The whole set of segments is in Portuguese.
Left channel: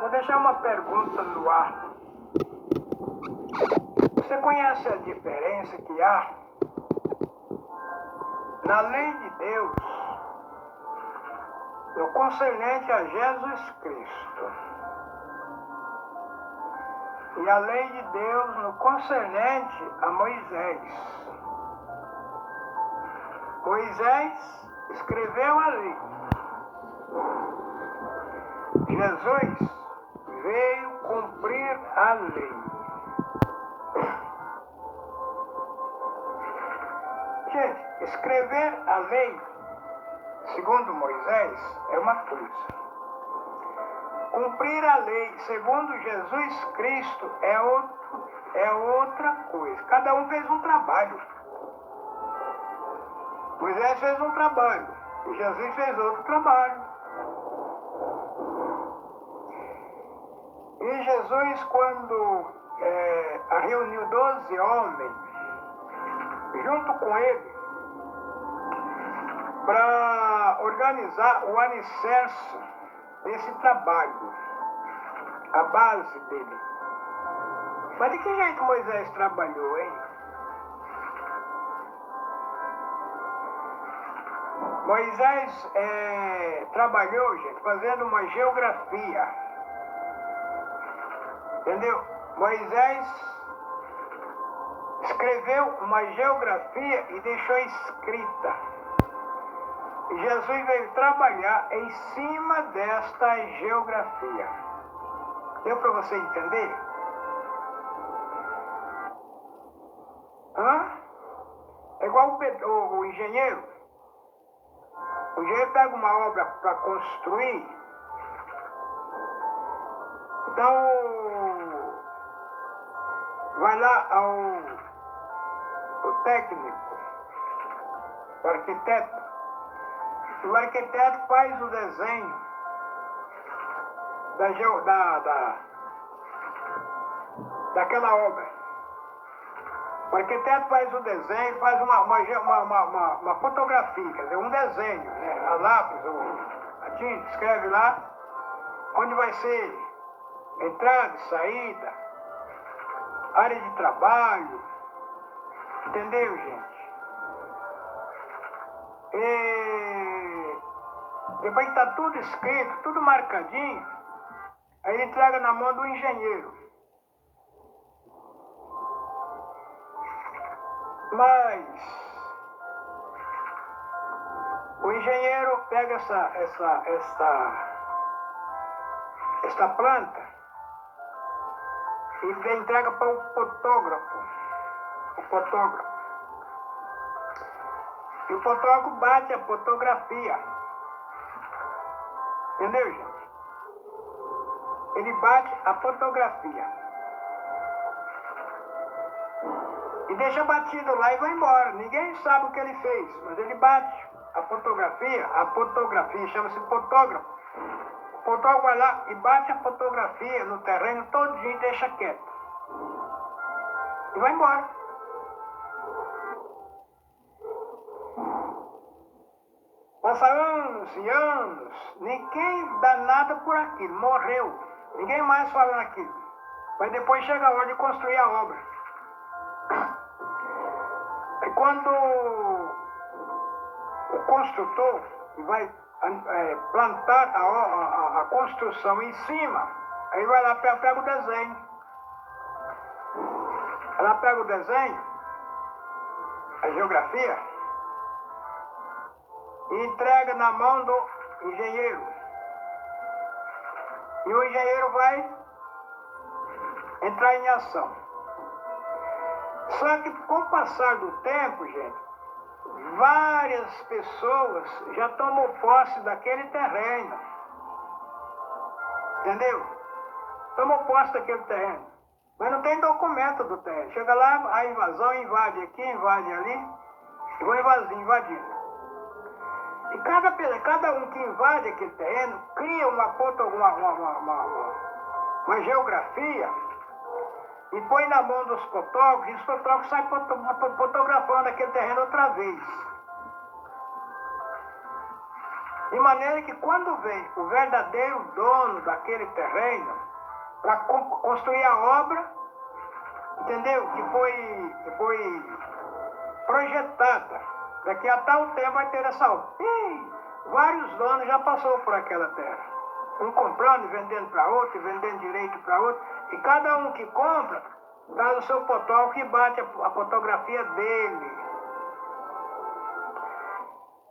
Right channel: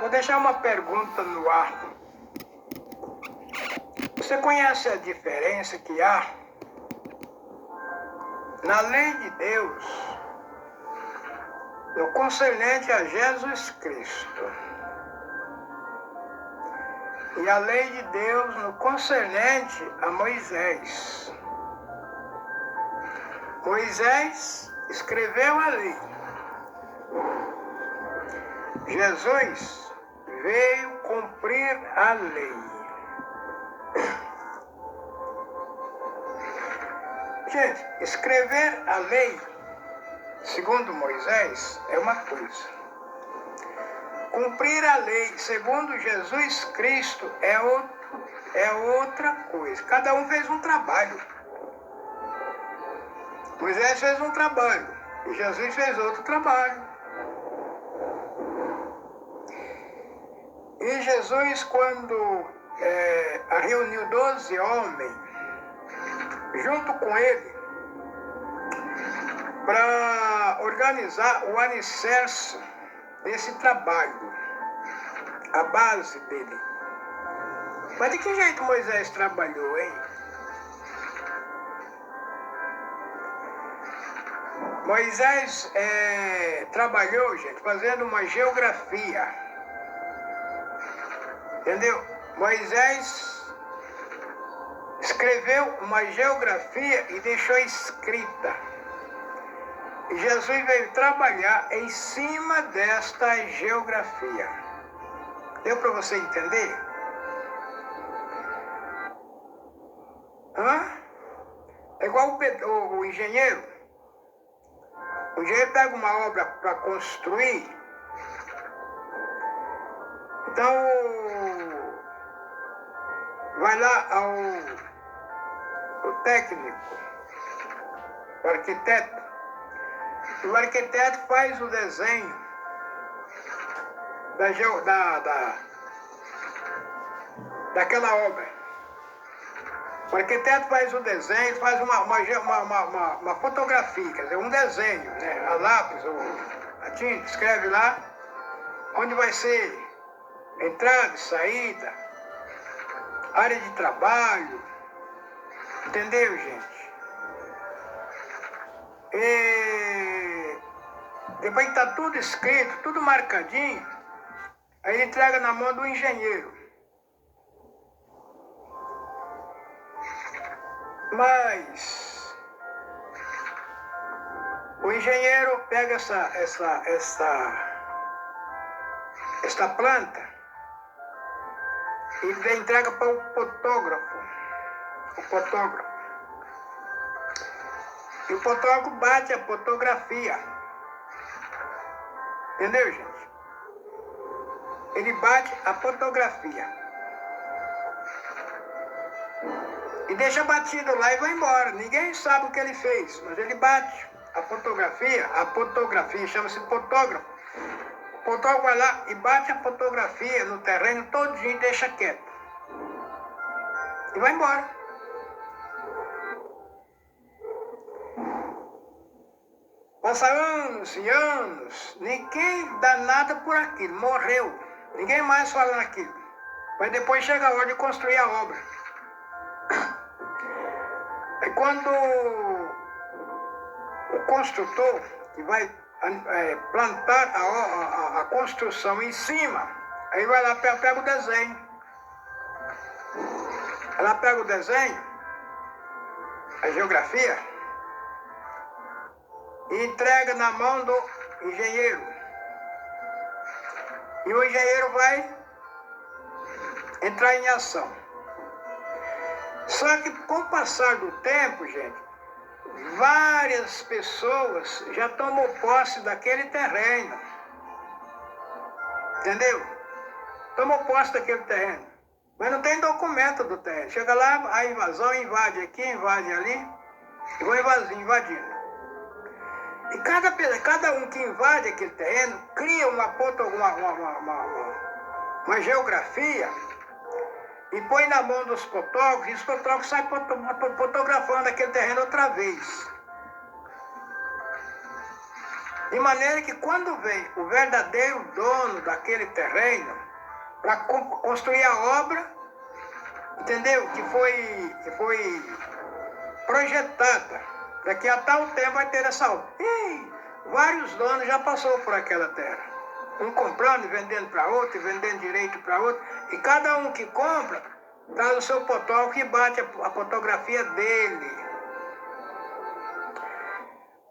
vou deixar uma pergunta no ar. Você conhece a diferença que há na lei de Deus no concernente a Jesus Cristo e a lei de Deus no concernente a Moisés? Moisés escreveu a lei. Jesus veio cumprir a lei. Gente, escrever a lei, segundo Moisés, é uma coisa. Cumprir a lei, segundo Jesus Cristo, é outra coisa. Cada um fez um trabalho. Moisés fez um trabalho e Jesus fez outro trabalho. E Jesus, quando reuniu 12 homens, junto com ele, para organizar o alicerce desse trabalho, a base dele. Mas de que jeito Moisés trabalhou, hein? Moisés trabalhou, gente, fazendo uma geografia. Entendeu? Moisés escreveu uma geografia e deixou escrita. E Jesus veio trabalhar em cima desta geografia. Deu para você entender? É igual o engenheiro. O engenheiro pega uma obra para construir. Então, vai lá o técnico, o arquiteto. E o arquiteto faz o desenho daquela obra. O arquiteto faz o desenho, faz uma fotografia, quer dizer, um desenho, né? A lápis, a tinta, escreve lá onde vai ser entrada, saída, área de trabalho. Entendeu, gente? E depois que está tudo escrito, tudo marcadinho, aí ele entrega na mão do engenheiro. Mas o engenheiro pega esta planta e entrega para o fotógrafo. E o fotógrafo bate a fotografia. Entendeu, gente? Ele bate a fotografia. E deixa batido lá e vai embora. Ninguém sabe o que ele fez, mas ele bate a fotografia chama-se fotógrafo. O fotógrafo vai lá e bate a fotografia no terreno todinho e deixa quieto. E vai embora. Passa anos e anos, ninguém dá nada por aquilo, morreu. Ninguém mais fala naquilo. Mas depois chega a hora de construir a obra. É quando o construtor que vai plantar a construção em cima, aí vai lá, pega o desenho. Ela pega o desenho, a geografia, e entrega na mão do engenheiro. E o engenheiro vai entrar em ação. Só que com o passar do tempo, gente, várias pessoas já tomam posse daquele terreno. Entendeu? Tomam posse daquele terreno. Mas não tem documento do terreno. Chega lá, a invasão invade aqui, invade ali, e vão invadindo. E cada um que invade aquele terreno cria uma geografia e põe na mão dos fotógrafos, e os fotógrafos saem fotografando aquele terreno outra vez. De maneira que quando vem o verdadeiro dono daquele terreno para construir a obra, entendeu? Que foi projetada. Daqui a tal tempo vai ter essa obra. E vários donos já passou por aquela terra. Um comprando e vendendo para outro, e vendendo direito para outro. E cada um que compra, traz o seu fotógrafo que bate a fotografia dele.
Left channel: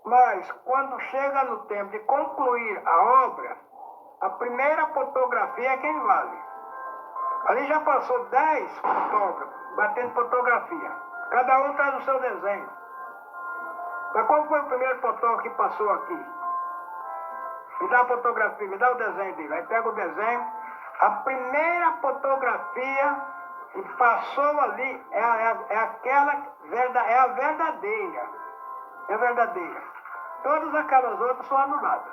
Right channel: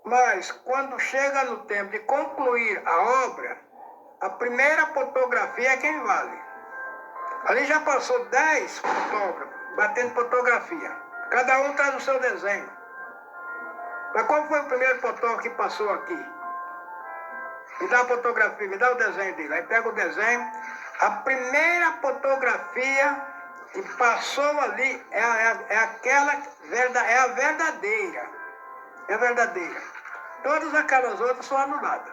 Mas quando chega no tempo de concluir a obra, a primeira fotografia é quem vale. Ali já passou 10 fotógrafos batendo fotografia. Cada um traz o seu desenho. Mas qual foi o primeiro fotógrafo que passou aqui? Me dá a fotografia, me dá o desenho dele. Aí pega o desenho. A primeira fotografia que passou ali é a verdadeira. É a verdadeira. Todas aquelas outras são anuladas.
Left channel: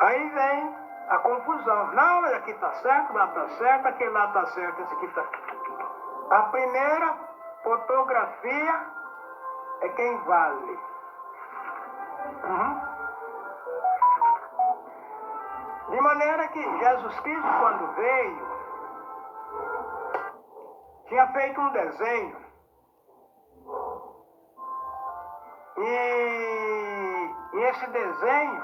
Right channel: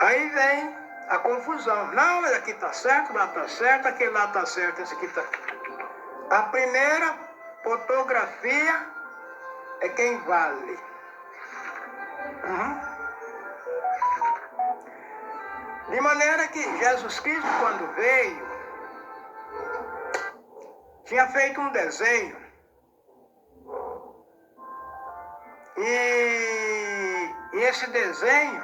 Aí vem a confusão. Não, mas aqui está certo, lá está certo, aquele lá está certo, esse aqui está... A primeira fotografia é quem vale. De maneira que Jesus Cristo, quando veio, tinha feito um desenho. E esse desenho,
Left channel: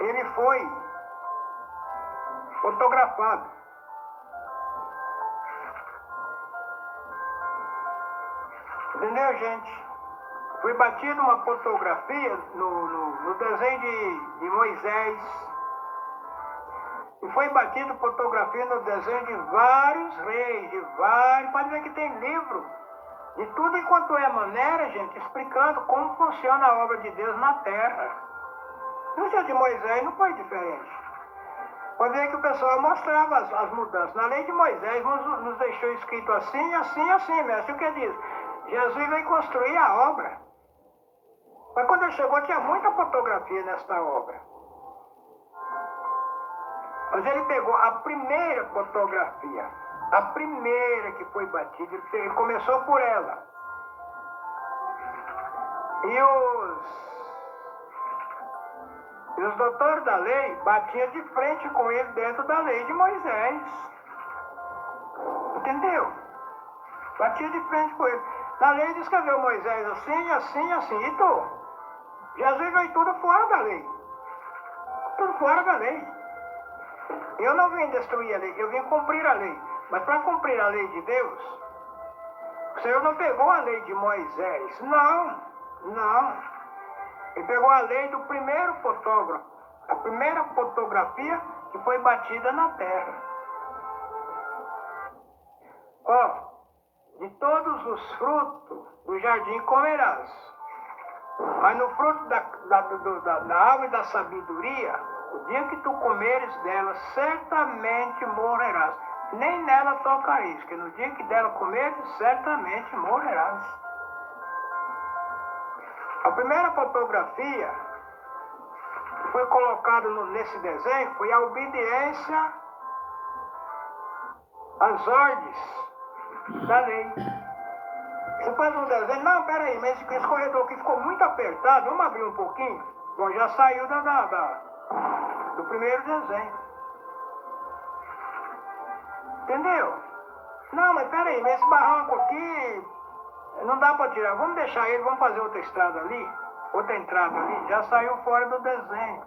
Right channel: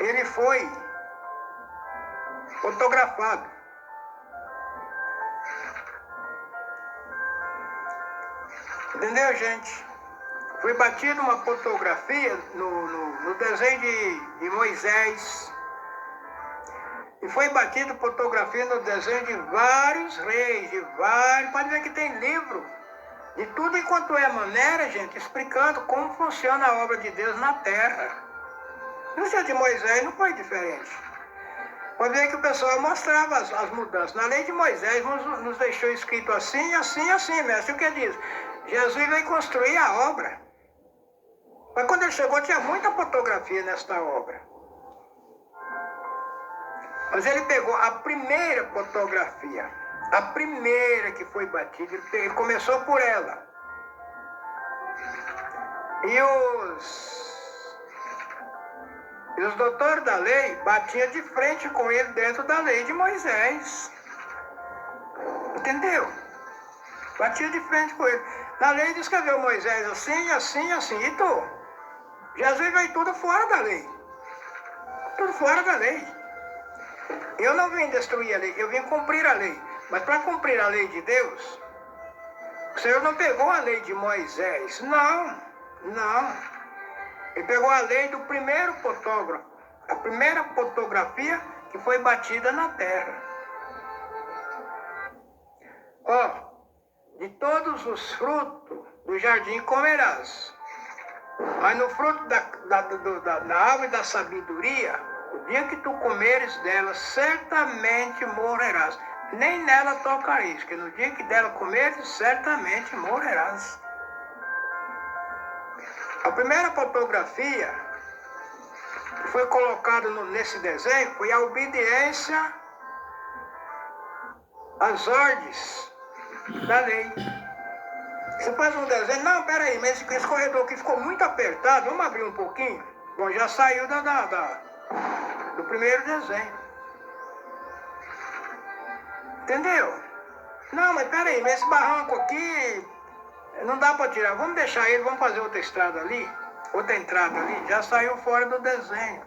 ele foi fotografado. Entendeu, gente? Foi batida uma fotografia no desenho de Moisés. E foi batida fotografia no desenho de vários reis, pode ver que tem livro. De tudo enquanto é maneira, gente, explicando como funciona a obra de Deus na terra. No dia de Moisés não foi diferente. Pode ver que o pessoal mostrava as mudanças. Na lei de Moisés nos deixou escrito assim, assim, assim, mestre. O que diz? Jesus veio construir a obra. Mas quando ele chegou, tinha muita fotografia nesta obra. Mas ele pegou a primeira fotografia, a primeira que foi batida, ele começou por ela. E os doutores da lei batiam de frente com ele dentro da lei de Moisés. Entendeu? Batia de frente com ele. Na lei descreveu Moisés assim, assim, assim. E tu? Jesus veio tudo fora da lei. Tudo fora da lei. Eu não vim destruir a lei, eu vim cumprir a lei. Mas para cumprir a lei de Deus, o Senhor não pegou a lei de Moisés. Não. Ele pegou a lei do primeiro fotógrafo. A primeira fotografia que foi batida na terra. De todos os frutos do jardim comerás. Mas no fruto da árvore da sabedoria, o dia que tu comeres dela, certamente morrerás. Nem nela tocareis, que no dia que dela comeres, certamente morrerás. A primeira fotografia que foi colocada nesse desenho foi a obediência às ordens da lei. Você faz um desenho, não, peraí, mas esse corredor aqui ficou muito apertado, vamos abrir um pouquinho? Bom, já saiu do primeiro desenho. Entendeu? Não, mas peraí, mas esse barranco aqui não dá para tirar. Vamos deixar ele, vamos fazer outra estrada ali, outra entrada ali. Já saiu fora do desenho.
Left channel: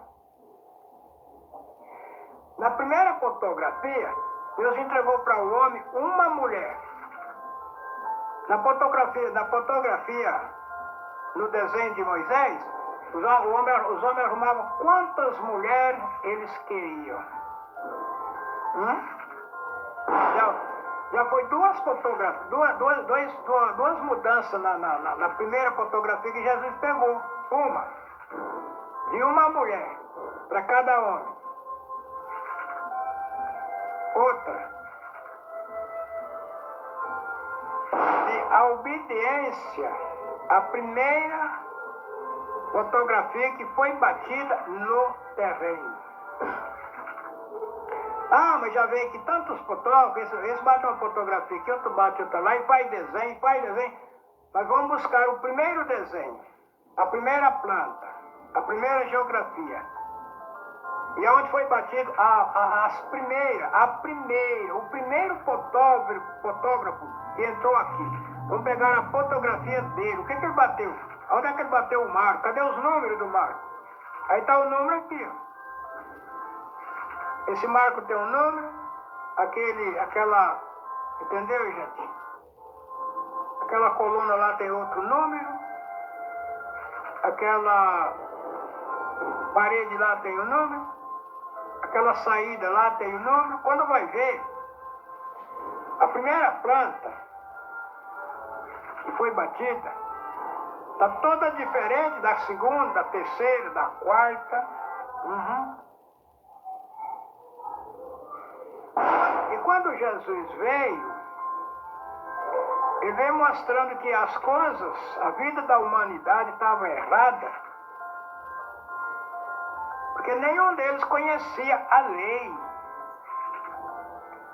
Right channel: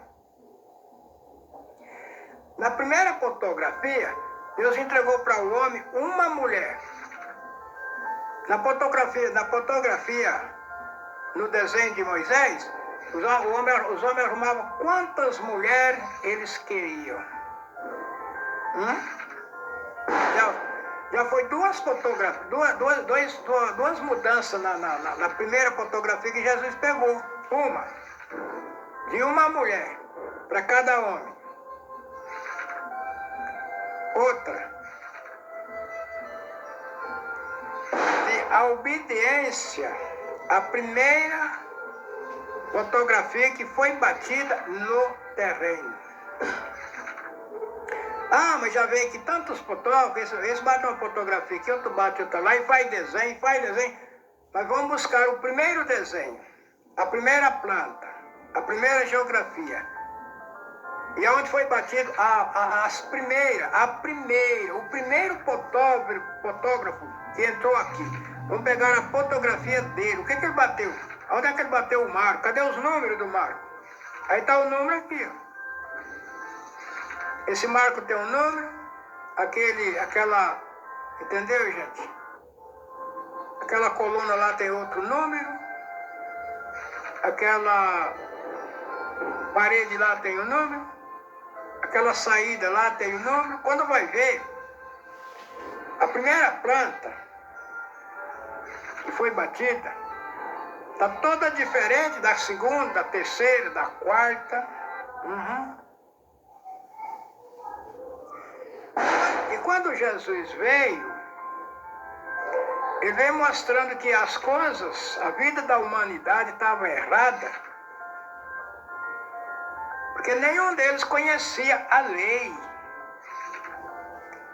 Na primeira fotografia, Deus entregou para o homem uma mulher. Na fotografia, no desenho de Moisés, os homens arrumavam quantas mulheres eles queriam. Já foi duas fotografias, duas mudanças na primeira fotografia que Jesus pegou. Uma de uma mulher para cada homem. Outra de a obediência, a primeira fotografia que foi batida no terreno. Ah, mas já veio aqui tantos fotógrafos, esse bate uma fotografia aqui, outro bate outra lá, e faz desenho. Nós vamos buscar o primeiro desenho, a primeira planta, a primeira geografia. E onde foi batido o primeiro fotógrafo que entrou aqui. Vamos pegar a fotografia dele. O que ele bateu? Onde é que ele bateu o marco? Cadê os números do marco? Aí está o número aqui, ó. Esse marco tem um número, entendeu, gente? Aquela coluna lá tem outro número, aquela parede lá tem um número, aquela saída lá tem um número. Quando vai ver, a primeira planta que foi batida está toda diferente da segunda, da terceira, da quarta. E quando Jesus veio, ele veio mostrando que as coisas, a vida da humanidade estava errada, porque nenhum deles conhecia a lei.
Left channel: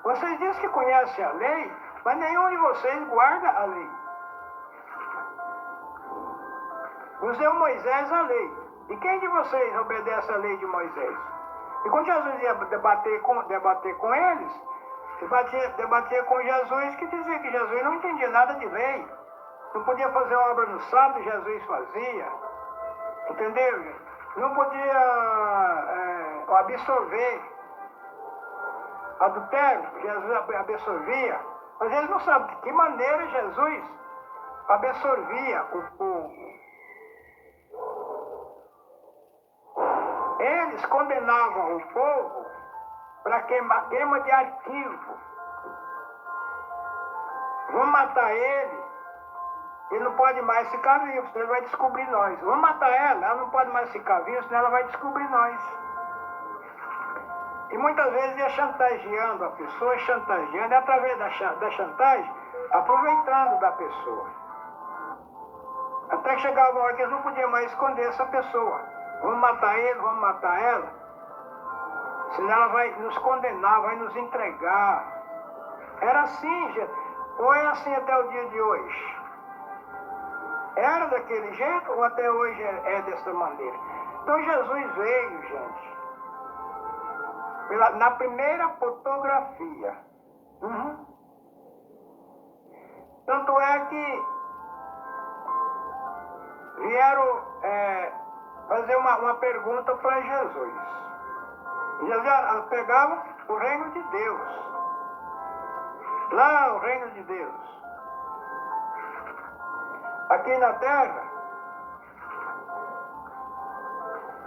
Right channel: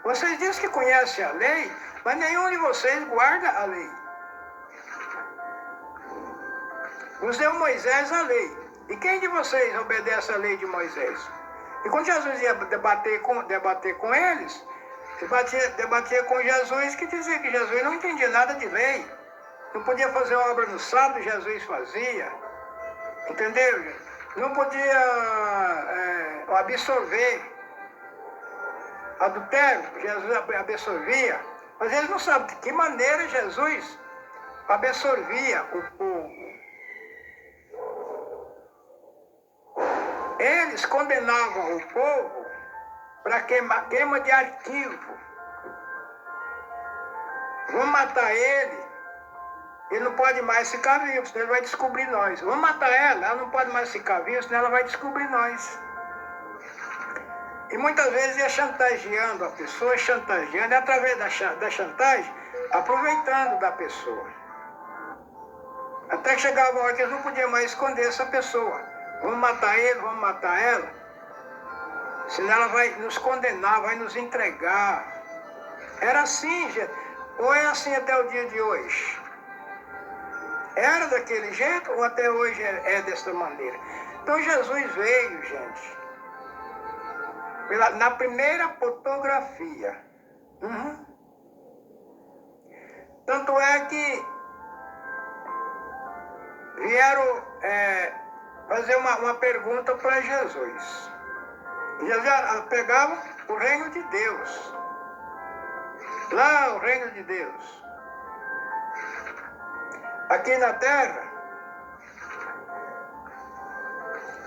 Vocês dizem que conhecem a lei, mas nenhum de vocês guarda a lei. Nos deu Moisés a lei. E quem de vocês obedece à lei de Moisés? E quando Jesus ia debater com eles, debatia com Jesus, que dizia que Jesus não entendia nada de lei. Não podia fazer obra no sábado, Jesus fazia. Entendeu? Não podia absorver adultério, Jesus absorvia. Mas eles não sabem de que maneira Jesus absorvia o povo. Eles condenavam o povo para queima de arquivo. Vamos matar ele não pode mais ficar vivo, senão ele vai descobrir nós. Vamos matar ela não pode mais ficar viva, senão ela vai descobrir nós. E muitas vezes ia chantageando a pessoa, e através da chantagem, aproveitando da pessoa. Até que chegava uma hora que eles não podiam mais esconder essa pessoa. Vamos matar ele, vamos matar ela, senão ela vai nos condenar, vai nos entregar. Era assim, gente. Ou é assim até o dia de hoje? Era daquele jeito ou até hoje é dessa maneira? Então Jesus veio, gente, na primeira fotografia. Tanto é que vieram fazer uma pergunta para Jesus. Jesus pegava o reino de Deus. Lá o reino de Deus. Aqui na terra,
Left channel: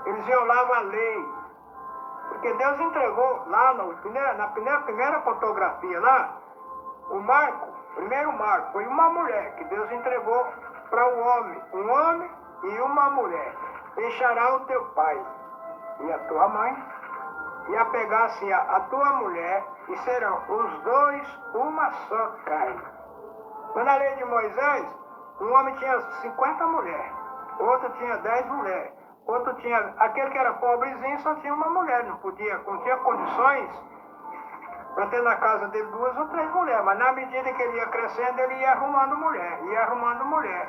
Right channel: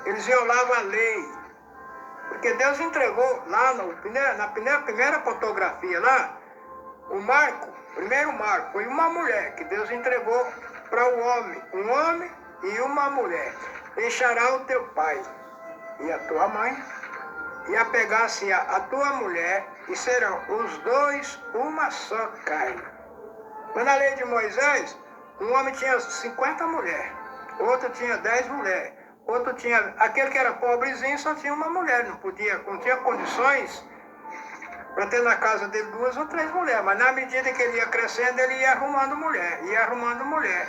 eles violavam a lei. Porque Deus entregou lá na primeira fotografia lá, primeiro marco, foi uma mulher que Deus entregou para o homem. Um homem e uma mulher. Deixará o teu pai e a tua mãe, e apegar-se a tua mulher, e serão os dois uma só carne. Mas na lei de Moisés, um homem tinha 50 mulheres, outro tinha 10 mulheres, outro tinha, aquele que era pobrezinho só tinha uma mulher, não tinha condições para ter na casa dele 2 ou 3 mulheres, mas na medida que ele ia crescendo, ele ia arrumando mulher.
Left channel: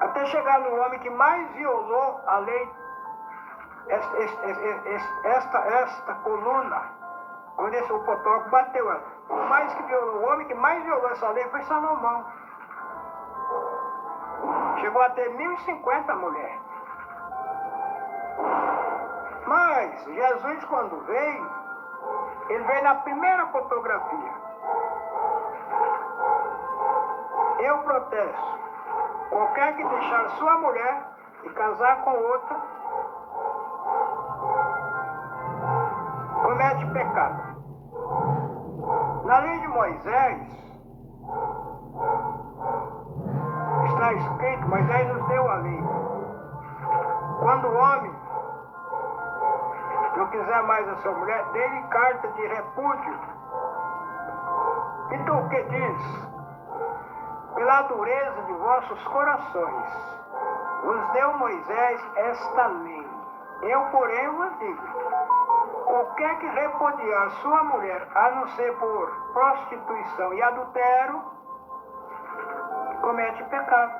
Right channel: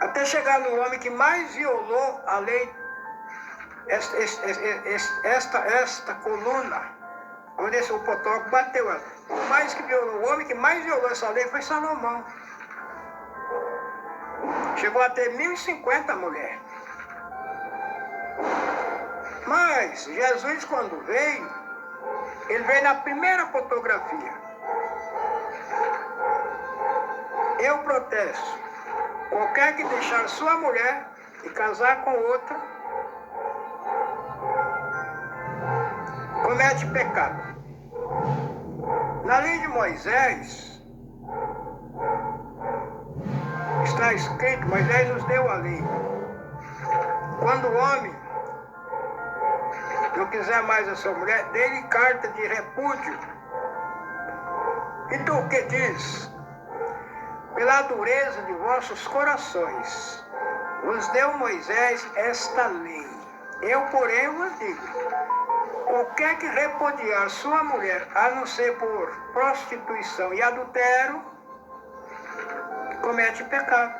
Até chegar no homem que mais violou a lei, esta coluna, onde o fotógrafo bateu ela. O homem que mais violou essa lei foi Salomão. Chegou a ter 1050 mulheres. Mas Jesus, quando veio, ele veio na primeira fotografia. Eu protesto. Qualquer que deixar sua mulher e casar com outra, comete pecado. Na lei de Moisés, está escrito, Moisés nos deu a lei. Quando o homem não quiser mais a sua mulher, dê-lhe carta de repúdio. E tu o que diz? Pela dureza de vossos corações, vos deu Moisés esta lei. Eu, porém, vos digo, qualquer que repudiar sua mulher, a não ser por prostituição e adultério, comete pecado.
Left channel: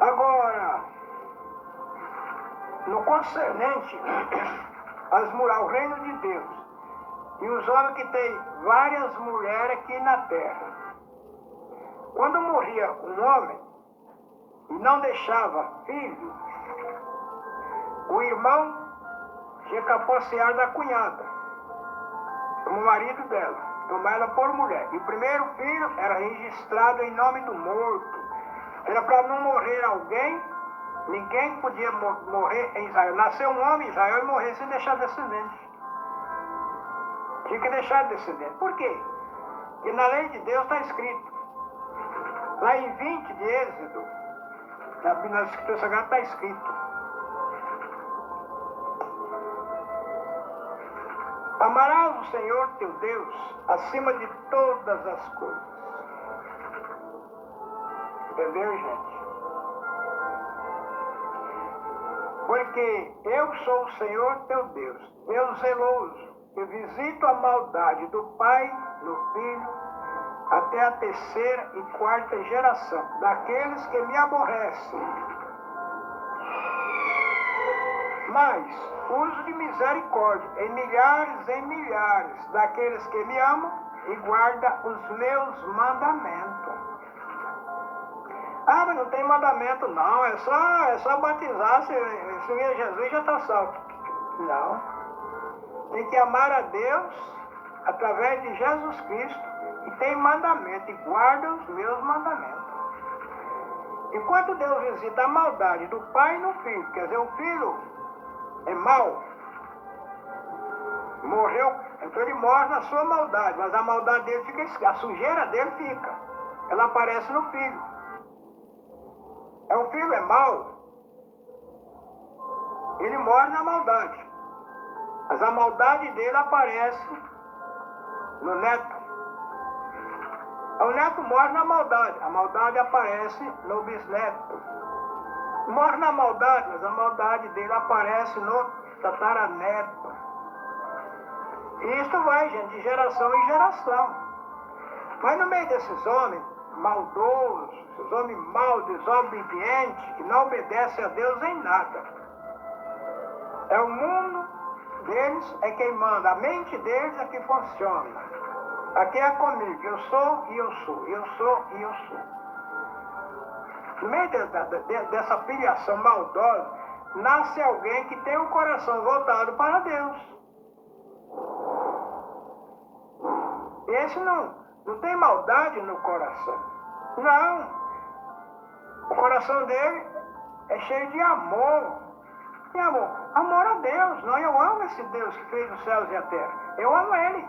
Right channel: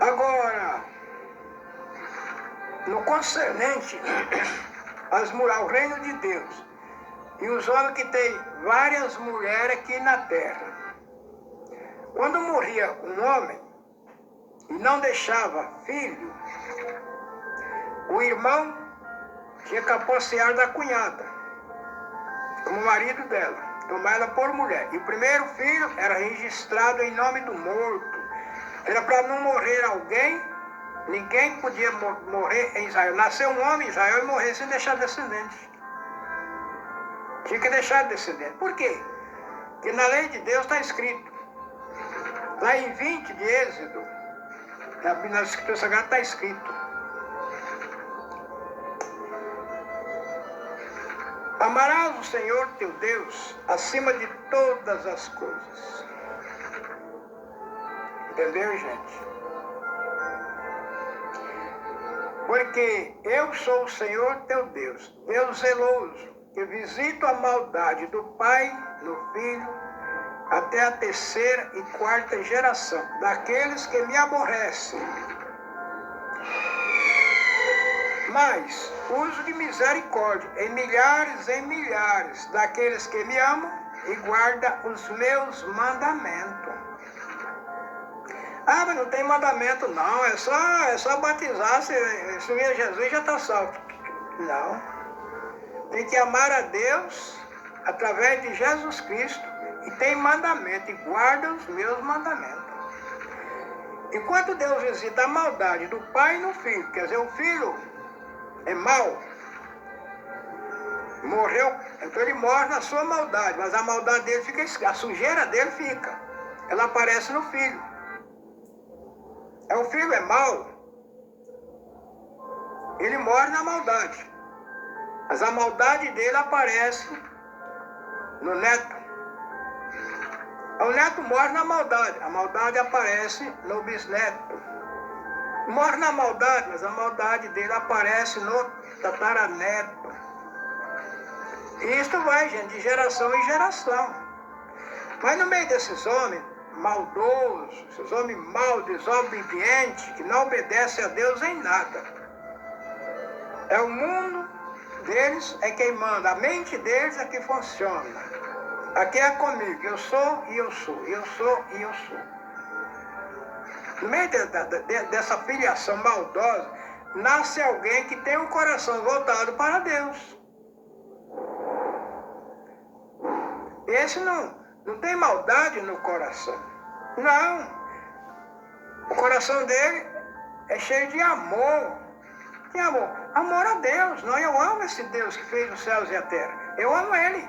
Agora, no concernente ao reino de Deus, e os homens que têm várias mulheres aqui na terra, quando morria um homem e não deixava filho, o irmão tinha que apossar da cunhada, como marido dela, tomar ela por mulher. E o primeiro filho era registrado em nome do morto. Era para não morrer alguém, ninguém podia morrer em Israel. Nasceu um homem em Israel e morrer sem deixar descendente. Tinha que deixar descendente. Por quê? Porque na lei de Deus está escrito. Lá em 20 de Êxodo, na Escritura Sagrada está escrito: amarás o Senhor teu Deus acima de todas as coisas. Entendeu, gente? Porque eu sou o Senhor teu Deus, Deus zeloso, que visito a maldade do pai no filho, até a terceira e quarta geração, daqueles que me aborrecem. Mas uso de misericórdia em milhares daqueles que me amam e guardam os meus mandamentos. Ah, mas não tem mandamento não, é só batizar, se vir Jesus já está salvo. Não. Tem que amar a Deus através de Jesus Cristo, e tem mandamento, e guarda os meus mandamentos. Enquanto Deus visita a maldade do pai no filho, quer dizer, o filho é mau, morreu, então ele morre na sua maldade, mas a maldade dele fica, a sujeira dele fica, ela aparece no filho. O filho é mau, ele morre na maldade, mas a maldade dele aparece no neto. O neto morre na maldade, a maldade aparece no bisneto. Morre na maldade, mas a maldade dele aparece no tataraneto. E isto vai, gente, de geração em geração. Mas no meio desses homens maldosos, esses homens maus, desobedientes, que não obedecem a Deus em nada, é o mundo deles é quem manda, a mente deles é que funciona. Aqui é comigo, eu sou e eu sou, eu sou e eu sou. No meio dessa filiação maldosa, nasce alguém que tem um coração voltado para Deus. Esse não tem maldade no coração. Não. O coração dele é cheio de amor. Que amor? Amor a Deus. Não, eu amo esse Deus que fez os céus e a terra. Eu amo Ele.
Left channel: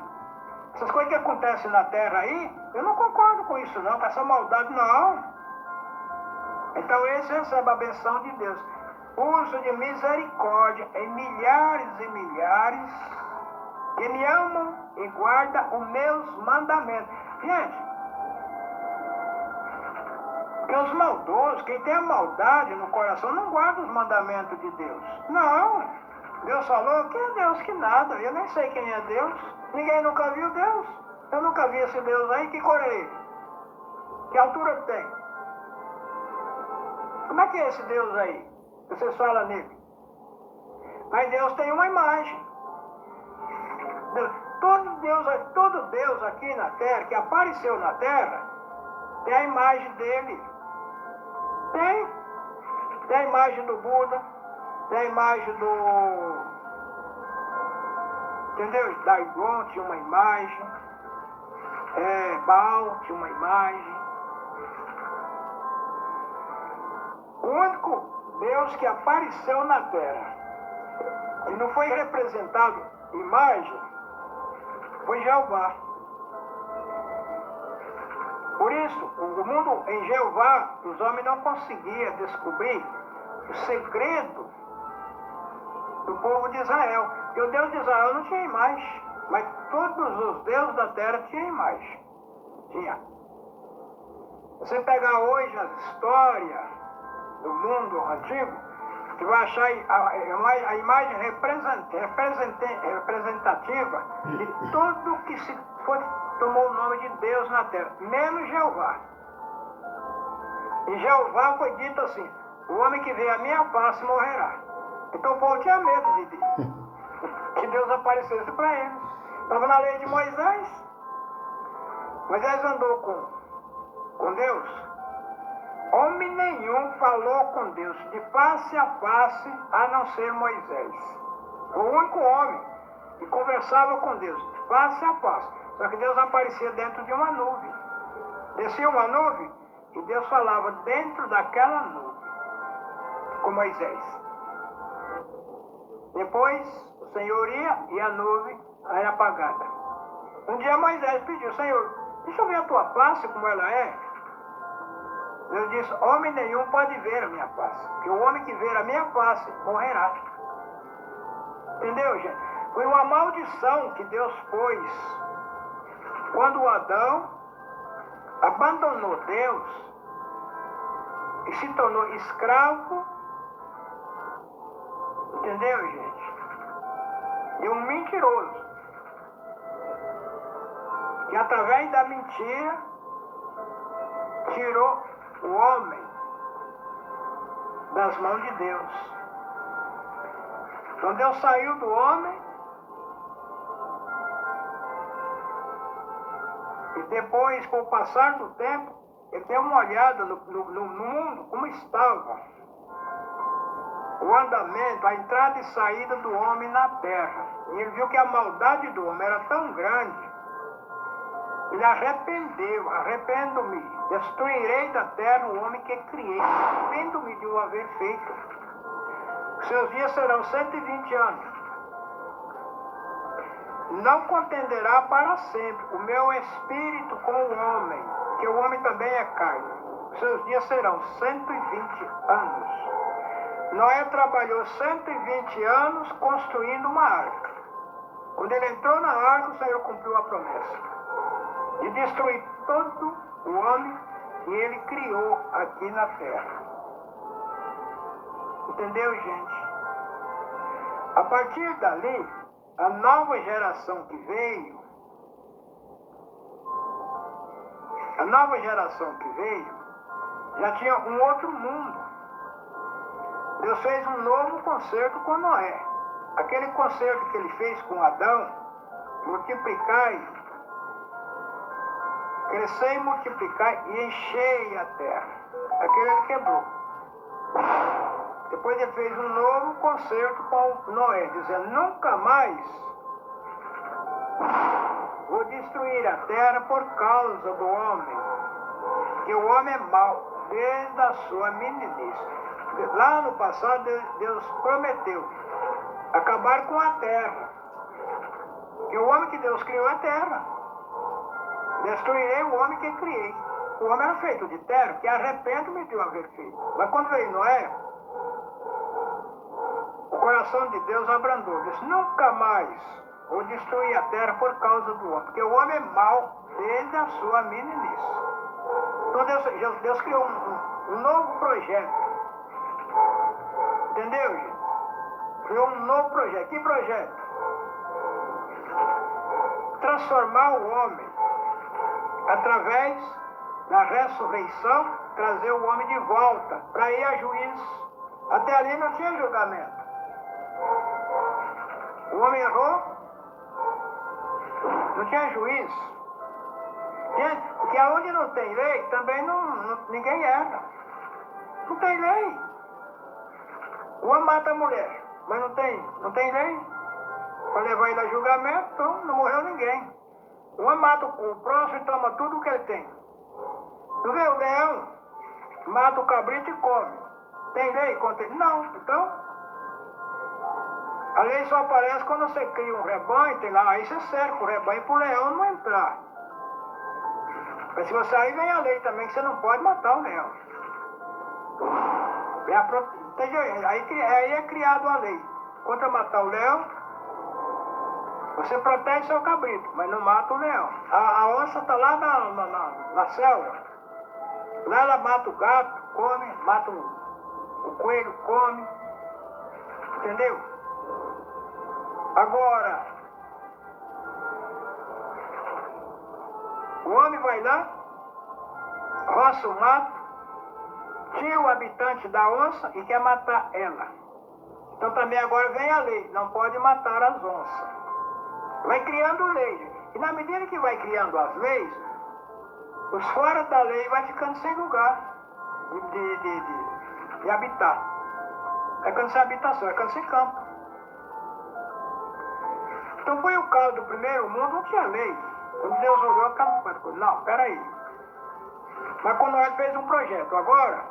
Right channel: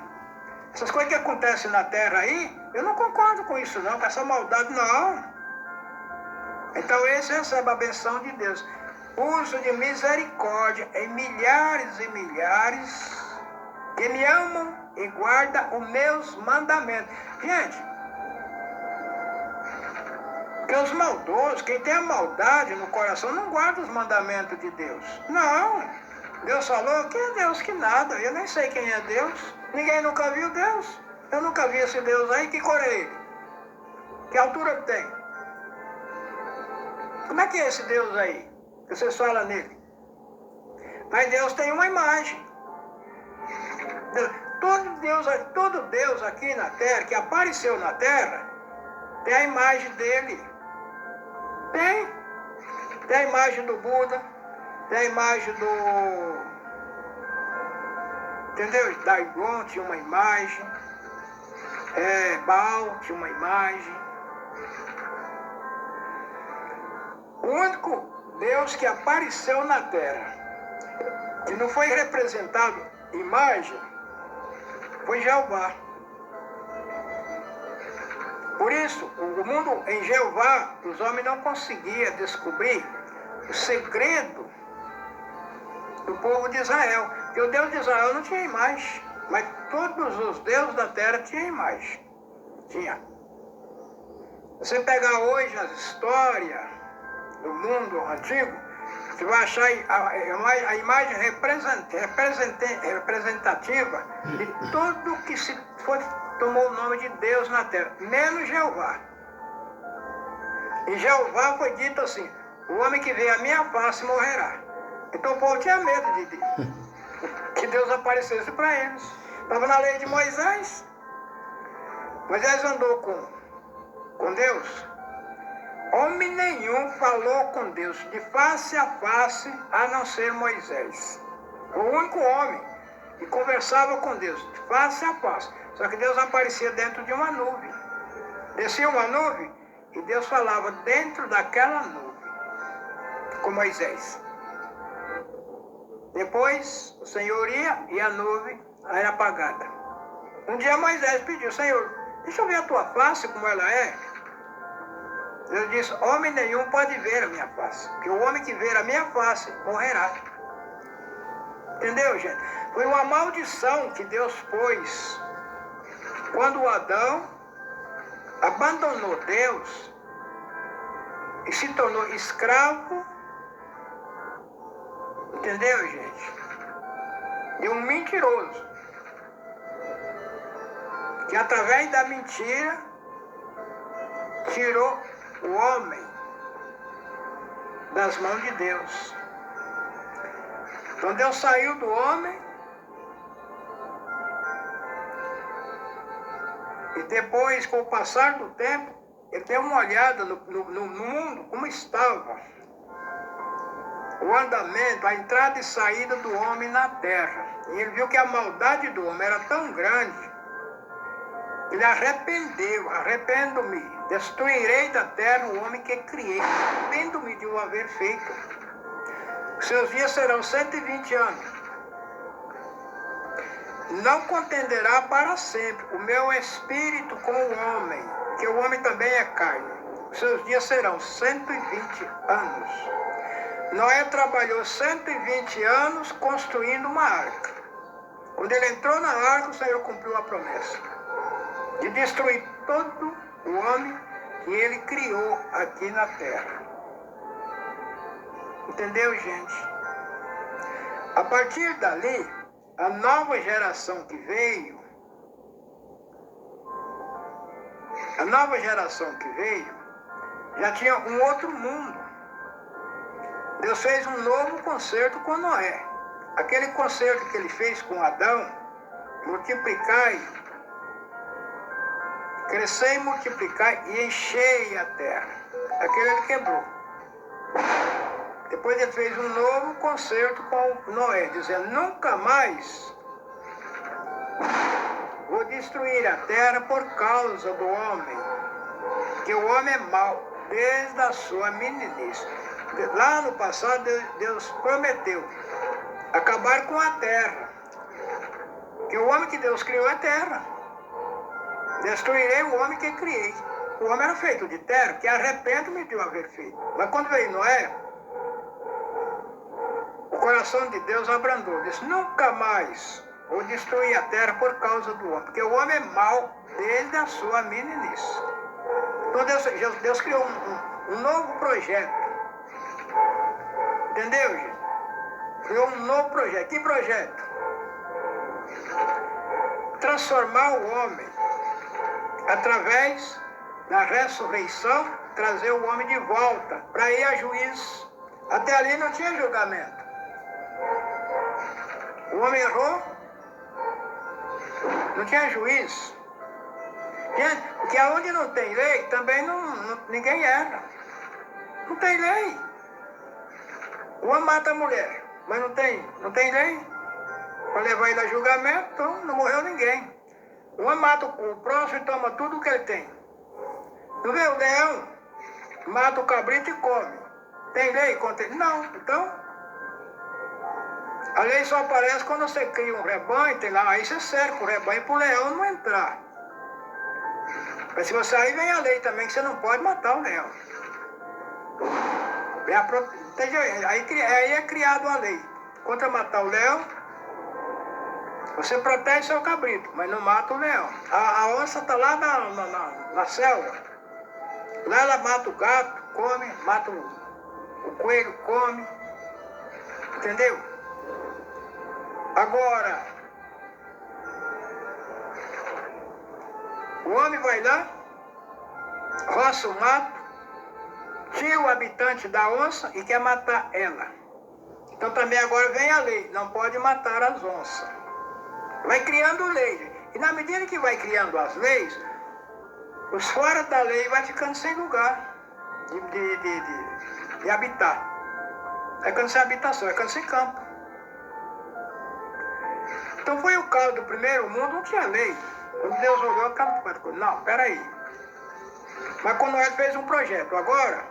Essas coisas que acontecem na terra aí, eu não concordo com isso não, com essa maldade não. Então esse recebe a benção de Deus. Uso de misericórdia em milhares e milhares que me amam e guardam os meus mandamentos. Gente, porque os maldosos, quem tem a maldade no coração, não guarda os mandamentos de Deus. Não. Deus falou, que é Deus que nada. Eu nem sei quem é Deus. Ninguém nunca viu Deus. Eu nunca vi esse Deus aí. Que cor é ele? Que altura tem? Como é que é esse Deus aí? Que vocês falam nele? Mas Deus tem uma imagem. Todo Deus aqui na terra, que apareceu na terra, tem a imagem dele. Tem. Tem a imagem do Buda, tem a imagem do... Entendeu? Dagon tinha uma imagem. Baal tinha uma imagem. O único Deus que apareceu na terra, que não foi representado imagem, foi Jeová. Por isso, o mundo em Jeová, os homens não conseguiam descobrir o segredo do povo de Israel. Porque o Deus de Israel não tinha imagem, mas todos os deuses da terra tinham imagem. Tinha. Você pegar hoje as histórias do mundo antigo, Você vai achar a imagem representativa de tudo que tomou o nome de Deus na terra, menos Jeová. E Jeová foi dito assim: o homem que vê a minha face morrerá. Então o povo tinha medo de Deus, que Deus aparecesse para eles. Estava na lei de Moisés. Moisés andou com Deus. Homem nenhum falou com Deus de face a face, a não ser Moisés. O único homem que conversava com Deus de face a face. Só que Deus aparecia dentro de uma nuvem. Descia uma nuvem e Deus falava dentro daquela nuvem com Moisés. Depois o Senhor ia e a nuvem era apagada. Um dia Moisés pediu: Senhor, deixa eu ver a tua face como ela é. Deus disse: homem nenhum pode ver a minha face, porque o homem que ver a minha face morrerá. Entendeu, gente? Foi uma maldição que Deus pôs quando Adão abandonou Deus e se tornou escravo, entendeu, gente? De um mentiroso, que através da mentira tirou o homem das mãos de Deus. Então Deus saiu do homem e depois, com o passar do tempo, ele deu uma olhada no mundo, como estava o andamento, a entrada e saída do homem na terra. E ele viu que a maldade do homem era tão grande. Ele arrependeu: arrependo-me, destruirei da terra o homem que criei, arrependo-me de o haver feito. Seus dias serão 120 anos. Não contenderá para sempre o meu espírito com o homem, que o homem também é carne. Seus dias serão 120 anos. Noé trabalhou 120 anos construindo uma arca. Quando ele entrou na arca, o Senhor cumpriu a promessa de destruir todo o homem que ele criou aqui na terra. Entendeu, gente? A partir dali, a nova geração que veio, já tinha um outro mundo. Deus fez um novo concerto com Noé. Aquele concerto que ele fez com Adão: multiplicai, crescei e multiplicai e enchei a terra. Aquele ele quebrou. Depois ele fez um novo concerto com Noé, dizendo: nunca mais vou destruir a terra por causa do homem, que o homem é mau desde a sua meninice. Lá no passado Deus prometeu acabar com a terra, que o homem que Deus criou é terra. Destruirei o homem que criei. O homem era feito de terra, que arrependo-me de o haver feito. Mas quando veio Noé, o coração de Deus abrandou. Disse: nunca mais vou destruir a terra por causa do homem, porque o homem é mau desde a sua meninice. Então Deus criou um novo projeto. Entendeu, gente? Criou um novo projeto. Que projeto? Transformar o homem, através da ressurreição, trazer o homem de volta para ir a juízo. Até ali não tinha julgamento. O homem errou, não tinha juízo. Porque aonde não tem lei, também ninguém erra. Não tem lei. O homem mata a mulher, mas não tem lei para levar ele a julgamento, então não morreu ninguém. O homem mata o próximo e toma tudo o que ele tem. Não vê? O leão mata o cabrito e come. Tem lei contra ele? Não. Então, a lei só aparece quando você cria um rebanho, tem lá, aí você cerca o rebanho para o leão não entrar. Mas se você aí vem a lei também, que você não pode matar o leão. Aí é criado a lei. Contra matar o leão, você protege seu cabrito, mas não mata o leão. A onça está lá na selva. Lá ela mata o gato, come, mata o coelho, come. Entendeu? Agora, o homem vai lá, roça o mato, tira o habitante da onça e quer matar ela. Então também agora vem a lei, não pode matar as onças. Vai criando lei. E na medida que vai criando as leis, os fora da lei vai ficando sem lugar de habitar. Vai ficando sem habitação, vai ficando sem campo. Então foi o caso do primeiro mundo, não tinha lei. Quando Deus olhou, não, peraí. Mas quando ele fez um projeto, agora,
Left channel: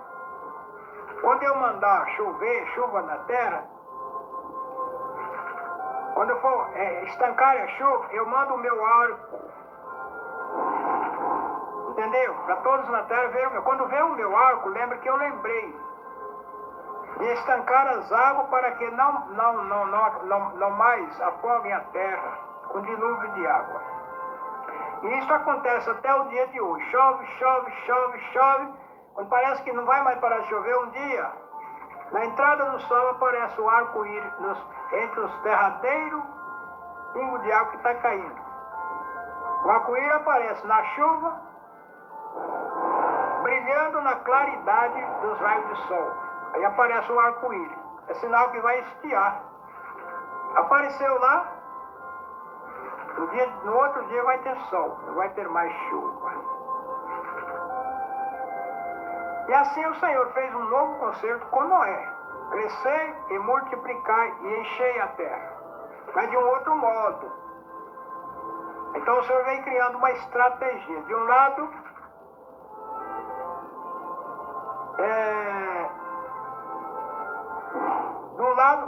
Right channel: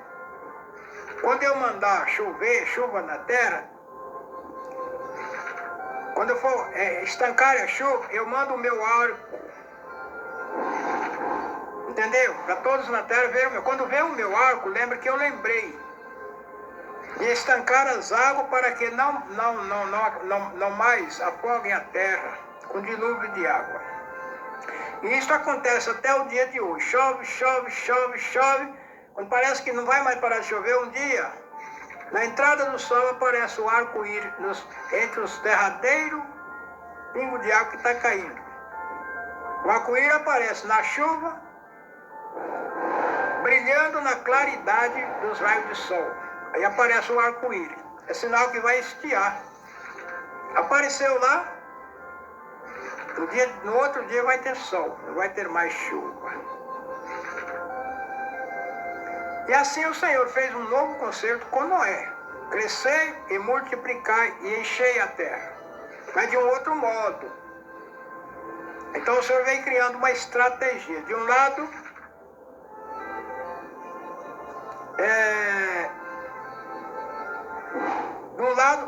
quando eu mandar chover, chuva na terra, quando eu for estancar a chuva, eu mando o meu arco. Entendeu? Para todos na terra verem o meu. Quando vê o meu arco, lembra que eu lembrei de estancar as águas para que não mais afoguem a terra com dilúvio de água. E isso acontece até o dia de hoje. Chove, chove, chove, chove. Quando parece que não vai mais parar de chover, um dia, na entrada do sol aparece o arco-íris entre os derradeiros pingos de água que está caindo. O arco-íris aparece na chuva, brilhando na claridade dos raios de sol. Aí aparece o arco-íris. É sinal que vai estiar. Apareceu lá, no outro dia vai ter sol, não vai ter mais chuva. E assim o Senhor fez um novo concerto com Noé. Crescer e multiplicar e encher a terra. Mas de um outro modo. Então o Senhor vem criando uma estratégia. De um lado,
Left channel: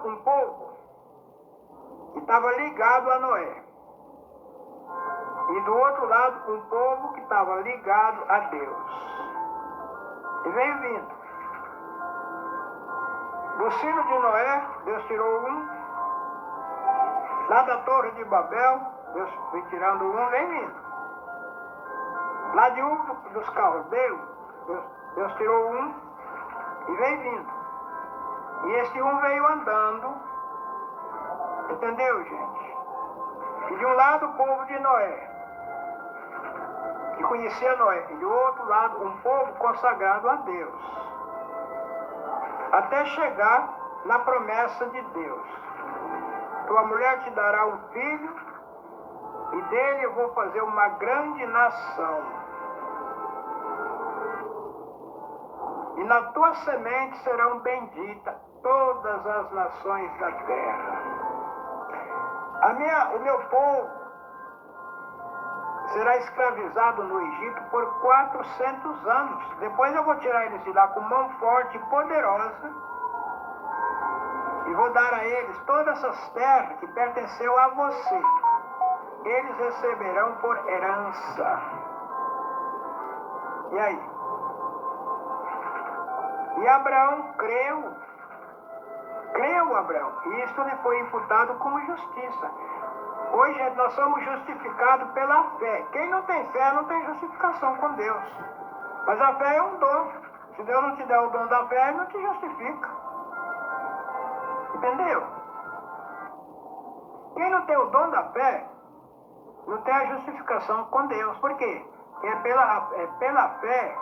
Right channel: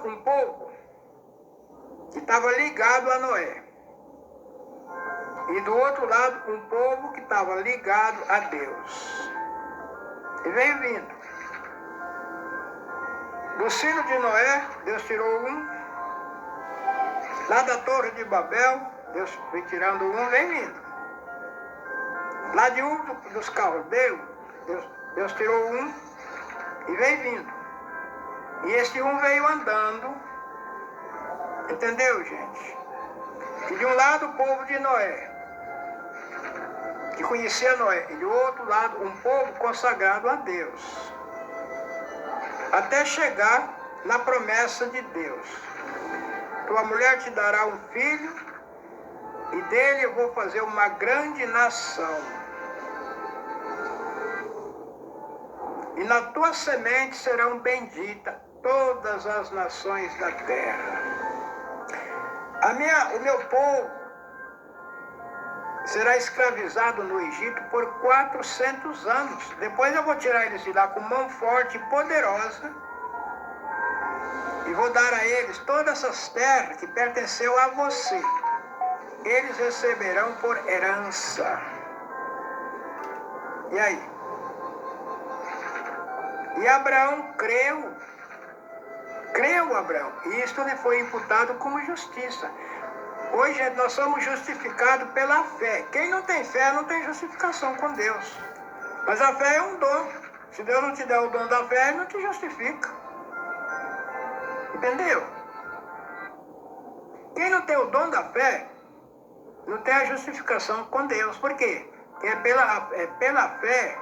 um povo que estava ligado a Noé. E do outro lado, um povo que estava ligado a Deus. E veio vindo. Do sino de Noé, Deus tirou um. Lá da Torre de Babel, Deus foi tirando um, vem vindo. Lá de um dos caldeus, Deus tirou um e vem vindo. E esse um veio andando. Entendeu, gente? E de um lado o povo de Noé, que conhecia Noé. E do outro lado um povo consagrado a Deus. Até chegar na promessa de Deus. Tua mulher te dará um filho, e dele eu vou fazer uma grande nação. E na tua semente serão benditas todas as nações da terra. O meu povo será escravizado no Egito por 400 anos. Depois eu vou tirar eles de lá com mão forte e poderosa. E vou dar a eles todas essas terras que pertenceu a você. Eles receberão por herança. E aí? E Abraão creu. Creu Abraão. E isto lhe foi imputado como justiça. Hoje nós somos justificados pela fé. Quem não tem fé não tem justificação com Deus. Mas a fé é um dom. Se Deus não te der o dom da fé, Ele não te justifica. Entendeu? Quem não tem o dom da fé, não tem a justificação com Deus. Por quê? Porque pela fé,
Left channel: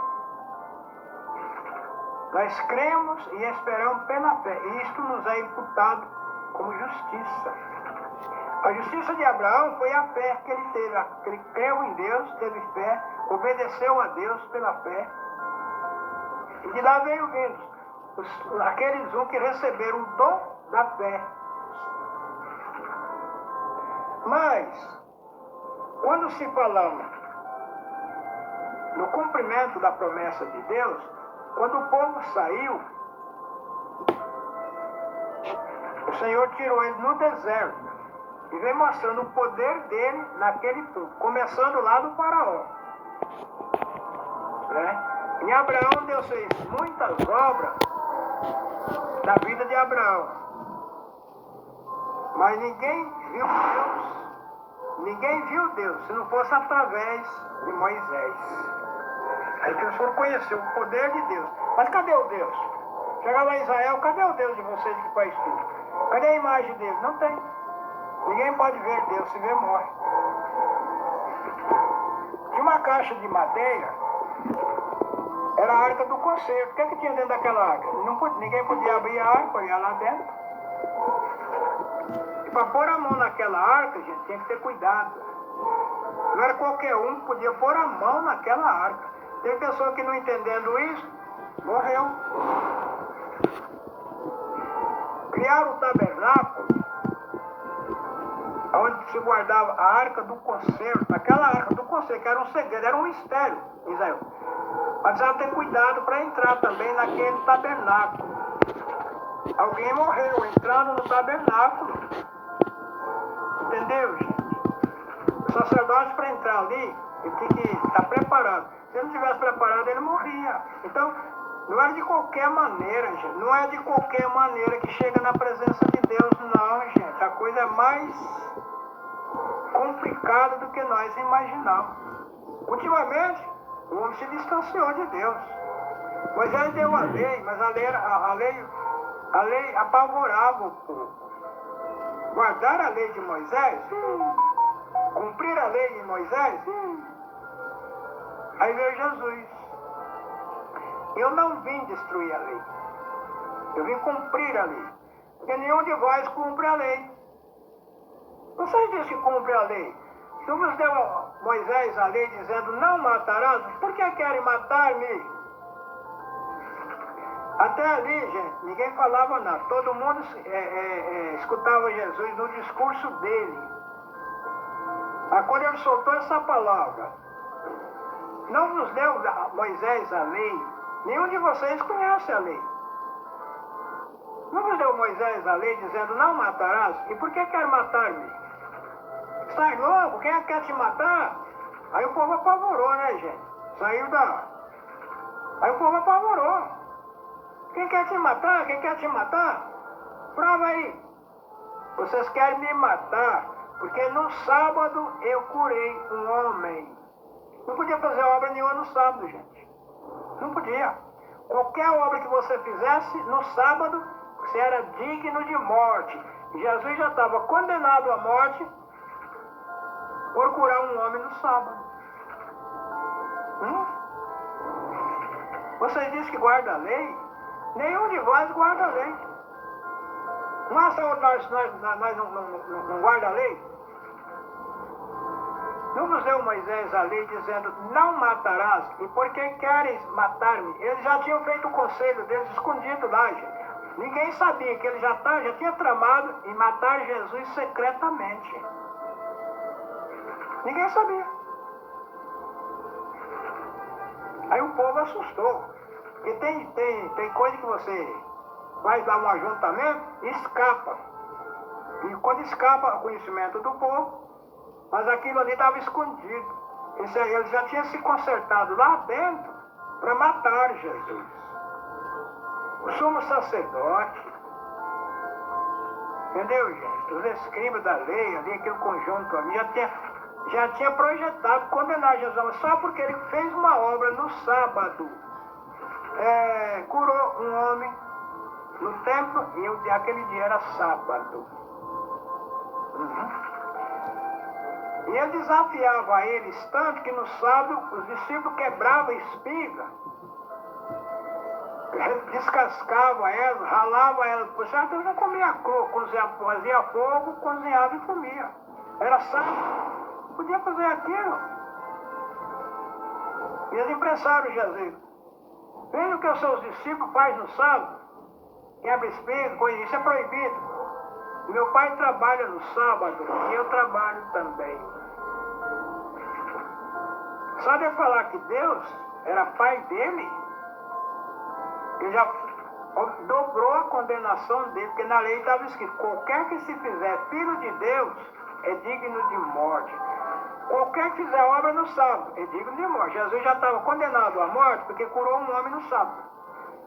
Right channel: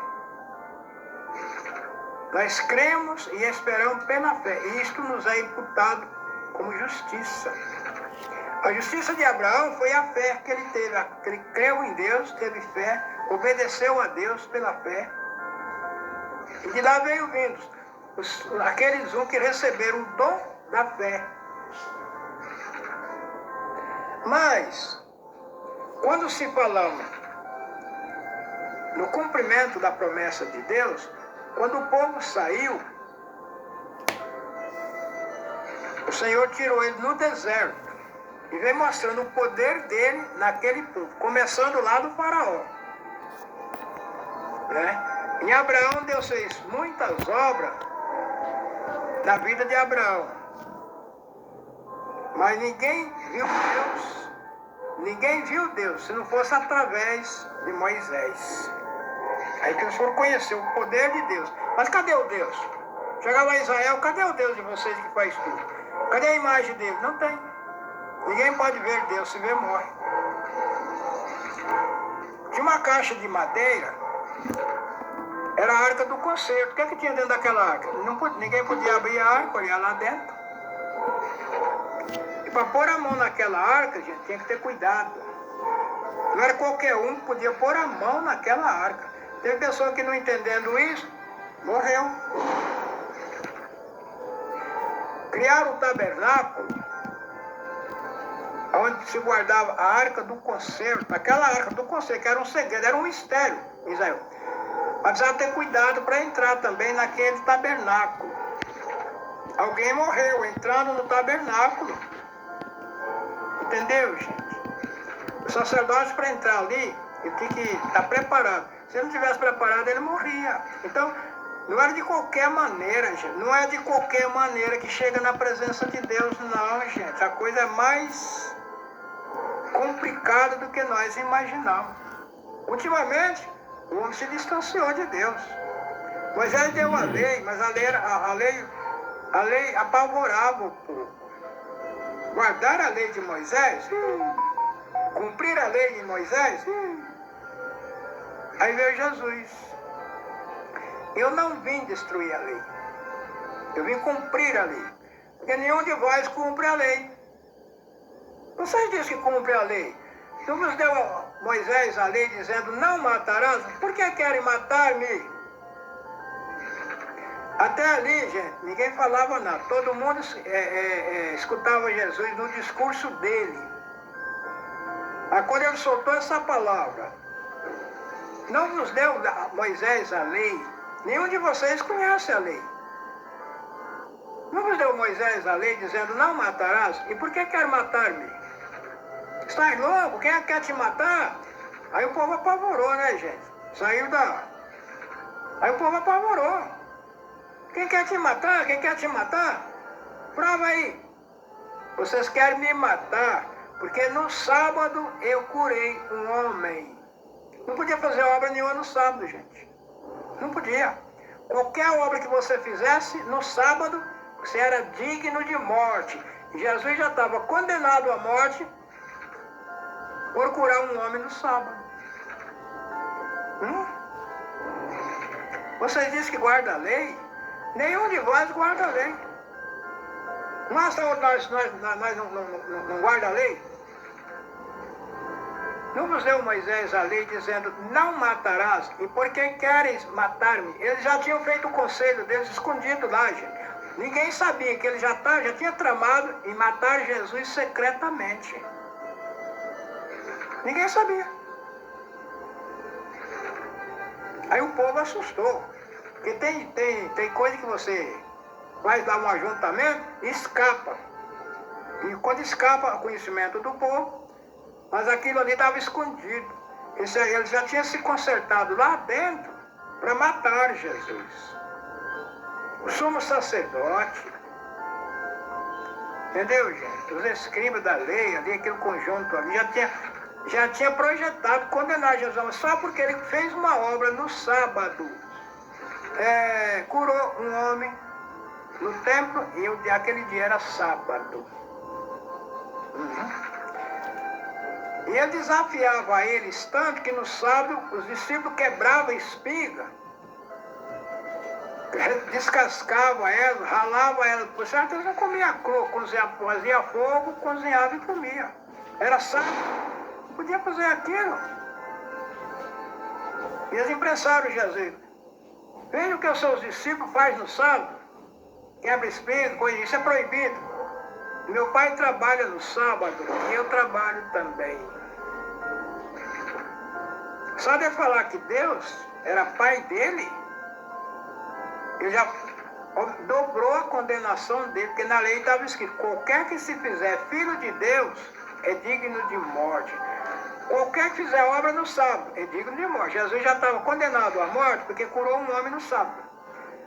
nós cremos e esperamos pela fé. E isto nos é imputado como justiça. A justiça de Abraão foi a fé que ele teve. Ele creu em Deus, teve fé, obedeceu a Deus pela fé. E de lá veio vindo aqueles que receberam o dom da fé. Mas, quando se falamos no cumprimento da promessa de Deus, quando o povo saiu, o Senhor tirou ele no deserto e veio mostrando o poder dele naquele povo, começando lá do faraó. Né? Em Abraão, Deus fez muitas obras na vida de Abraão. Mas ninguém viu Deus, se não fosse através de Moisés. Aí que eles foram conhecer o poder de Deus. Mas cadê o Deus? Chegava a Israel, cadê o Deus de vocês que faz tudo? Cadê a imagem dele? Não tem. Ninguém pode ver Deus, se vê, morre. Tinha uma caixa de madeira, era a arca do concerto. O que é que tinha dentro daquela arca? Ninguém podia abrir a arca, olhar lá dentro. E para pôr a mão naquela arca, gente, tinha que ter cuidado. Não era qualquer um que podia pôr a mão naquela arca. Tem pessoa que não entendendo isso, morreu. Criaram o tabernáculo, onde se guardava a arca do concerto. Aquela arca do concerto, que era um segredo, era um mistério, Israel. Mas precisava ter cuidado para entrar também naquele tabernáculo. Alguém morreu entrando no tabernáculo. Entendeu, gente? O sacerdote, para entrar ali, ele tinha que estar preparado. Se ele não estivesse preparado, ele morria. Então, não era de qualquer maneira, gente. Não é de qualquer maneira que chega na presença de Deus, não, gente. A coisa é mais complicada do que nós imaginamos. Ultimamente, o homem se distanciou de Deus. Moisés deu a lei, mas a lei apavorava o povo. Guardar a lei de Moisés, cumprir a lei de Moisés, aí veio Jesus. Eu não vim destruir a lei. Eu vim cumprir a lei. Porque nenhum de vós cumpre a lei. Vocês dizem que cumpre a lei. Então nos deu a Moisés a lei dizendo, não matarás. Por que querem matar-me? Até ali, gente, ninguém falava nada. Todo mundo escutava Jesus no discurso dele. Aí quando ele soltou essa palavra, não nos deu Moisés a lei. Nenhum de vocês conhece a lei. Não nos deu Moisés a lei dizendo, não matarás? E por que quer matar-me? Estás louco? Quem é que quer te matar? Aí o povo apavorou, né, gente? Aí o povo apavorou. Quem quer te matar? Quem quer te matar? Prova aí. Vocês querem me matar, porque no sábado eu curei um homem. Não podia fazer obra nenhuma no sábado, gente. Não podia. Qualquer obra que você fizesse no sábado, você era digno de morte. E Jesus já estava condenado à morte por curar um homem no sábado. Vocês dizem que guarda a lei? Nenhum de vós guarda a lei. Nós não guarda a lei? Não nos deu Moisés a lei dizendo, não matarás, e por que queres matar-me? Eles já tinham feito o conselho deles escondido lá, gente. Ninguém sabia que ele já tinha tramado em matar Jesus secretamente. Ninguém sabia. Aí o povo assustou. Porque tem coisa que você vai dar um ajuntamento e escapa. E quando escapa o conhecimento do povo, mas aquilo ali estava escondido. Eles já tinham se consertado lá dentro para matar Jesus. O sumo sacerdote, entendeu, gente? Os escribas da lei, ali, aquele conjunto ali, já tinha projetado condenar Jesus, só porque ele fez uma obra no sábado. Curou um homem no templo e aquele dia era sábado. E ele desafiava eles tanto que no sábado os discípulos quebravam a espiga, descascavam ela, ralavam ela. Por certo, eles não comiam cru, fazia fogo, cozinhava e comia. Era sábado, podia fazer aquilo. E eles impressaram Jesus. Veja o que os seus discípulos fazem no sábado. Quebra espiga, coisa, isso é proibido. Meu pai trabalha no sábado e eu trabalho também. Só de falar que Deus era pai dele, ele já dobrou a condenação dele, porque na lei estava escrito, qualquer que se fizer filho de Deus é digno de morte. Qualquer que fizer obra no sábado é digno de morte. Jesus já estava condenado à morte porque curou um homem no sábado.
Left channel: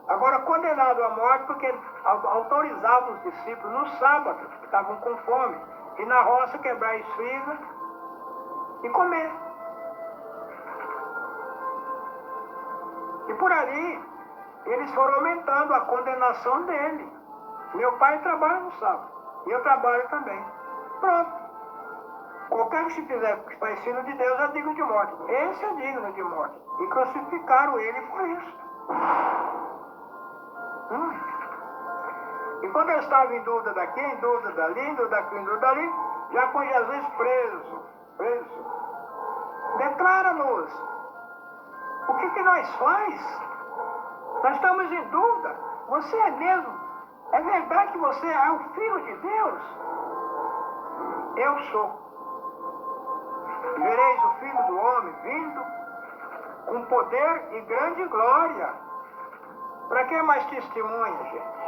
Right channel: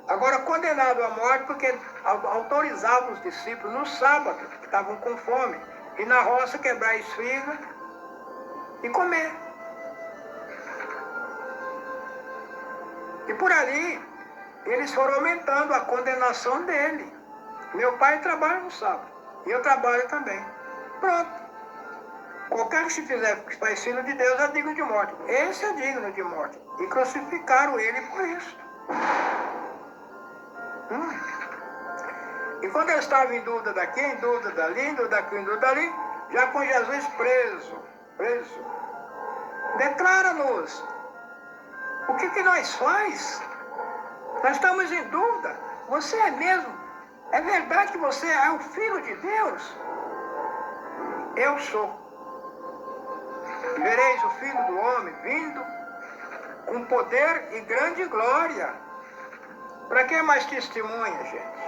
Agora condenado à morte porque autorizava os discípulos no sábado, que estavam com fome, ir na roça quebrar espiga e comer. E por ali, eles foram aumentando a condenação dele. Meu pai trabalha no sábado. E eu trabalho também. Pronto. Qualquer que se fizer faz filho de Deus é digno de morte. Esse é digno de morte. E crucificaram ele por isso. E quando eu estava em dúvida daqui, em dúvida dali, em dúvida daqui, em dúvida dali, já com Jesus preso, declara-nos o que nós faz. Nós estamos em dúvida. Você é mesmo? É verdade que você é o Filho de Deus? Eu sou. Vereis o Filho do Homem vindo com poder e grande glória. Para que mais testemunha, gente?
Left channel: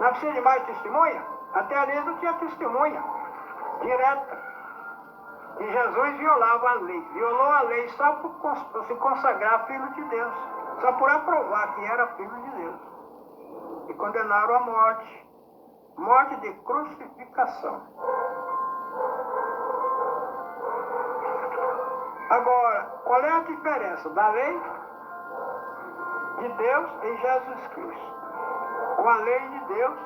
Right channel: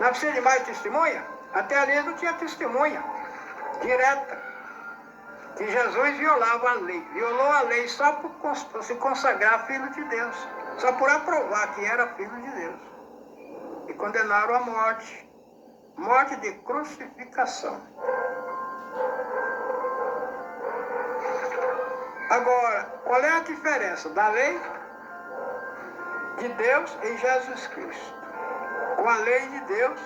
Não precisa de mais testemunha? Até ali não tinha testemunha direta. Que Jesus violava a lei. Violou a lei só por se consagrar Filho de Deus. Só por aprovar que era Filho de Deus. E condenaram a morte. Morte de crucificação. Agora, qual é a diferença da lei de Deus em Jesus Cristo? Com a lei de Deus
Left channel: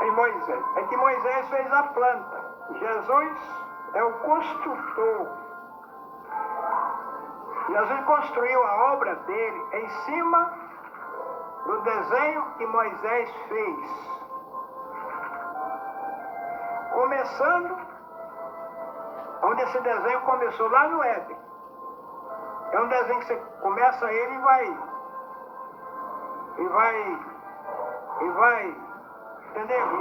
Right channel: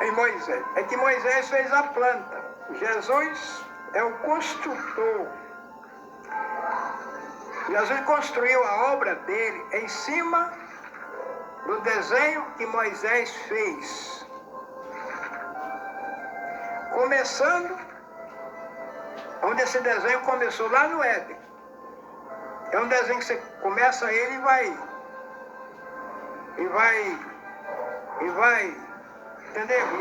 em Moisés. É que Moisés fez a planta. Jesus é o construtor. Jesus construiu a obra dele em cima do desenho que Moisés fez. Começando onde esse desenho começou, lá no Éden. É um desenho que você começa ele e vai, entendeu?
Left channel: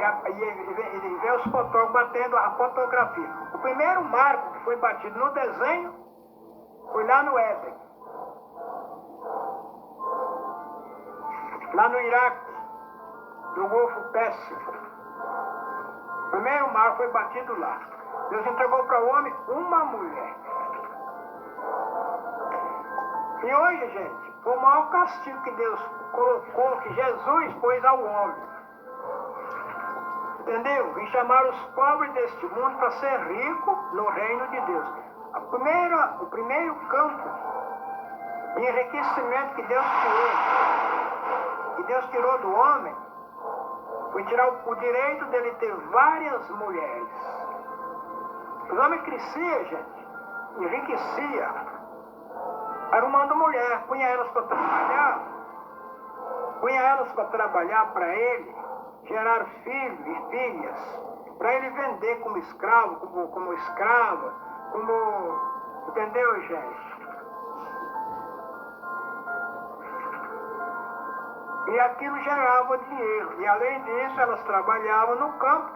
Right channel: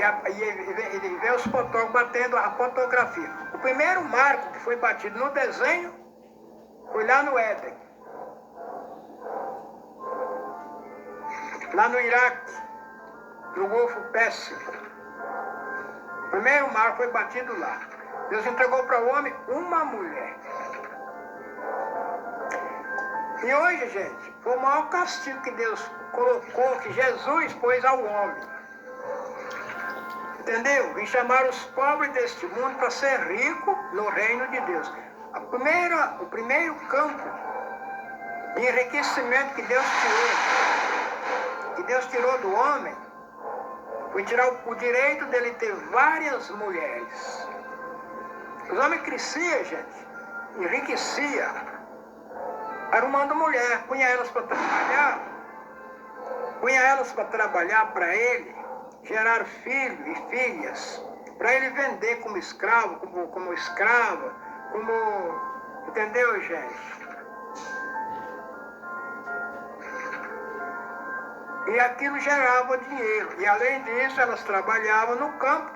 E vê os fotógrafos batendo a fotografia. O primeiro marco que foi batido no desenho foi lá no Éden. Lá no Iraque, no Golfo Pérsico. O primeiro marco foi batido lá. Deus entregou para o homem uma mulher. E hoje, gente, foi o maior castigo que Deus colocou, que Jesus pôs ao homem. Entendeu? Vim chamar os pobres deste mundo para ser rico no reino de Deus. O primeiro campo de enriquecimento que Deus tirou do homem, foi tirar o direito dele ter várias mulheres. Os homens cresciam, gente, enriquecia, arrumando mulher, punha elas para trabalhar para ele, gerar filhos e filhas, para ele vender como escravo, como escrava, entendeu, gente? E aquilo gerava dinheiro, e além disso elas trabalhavam no campo,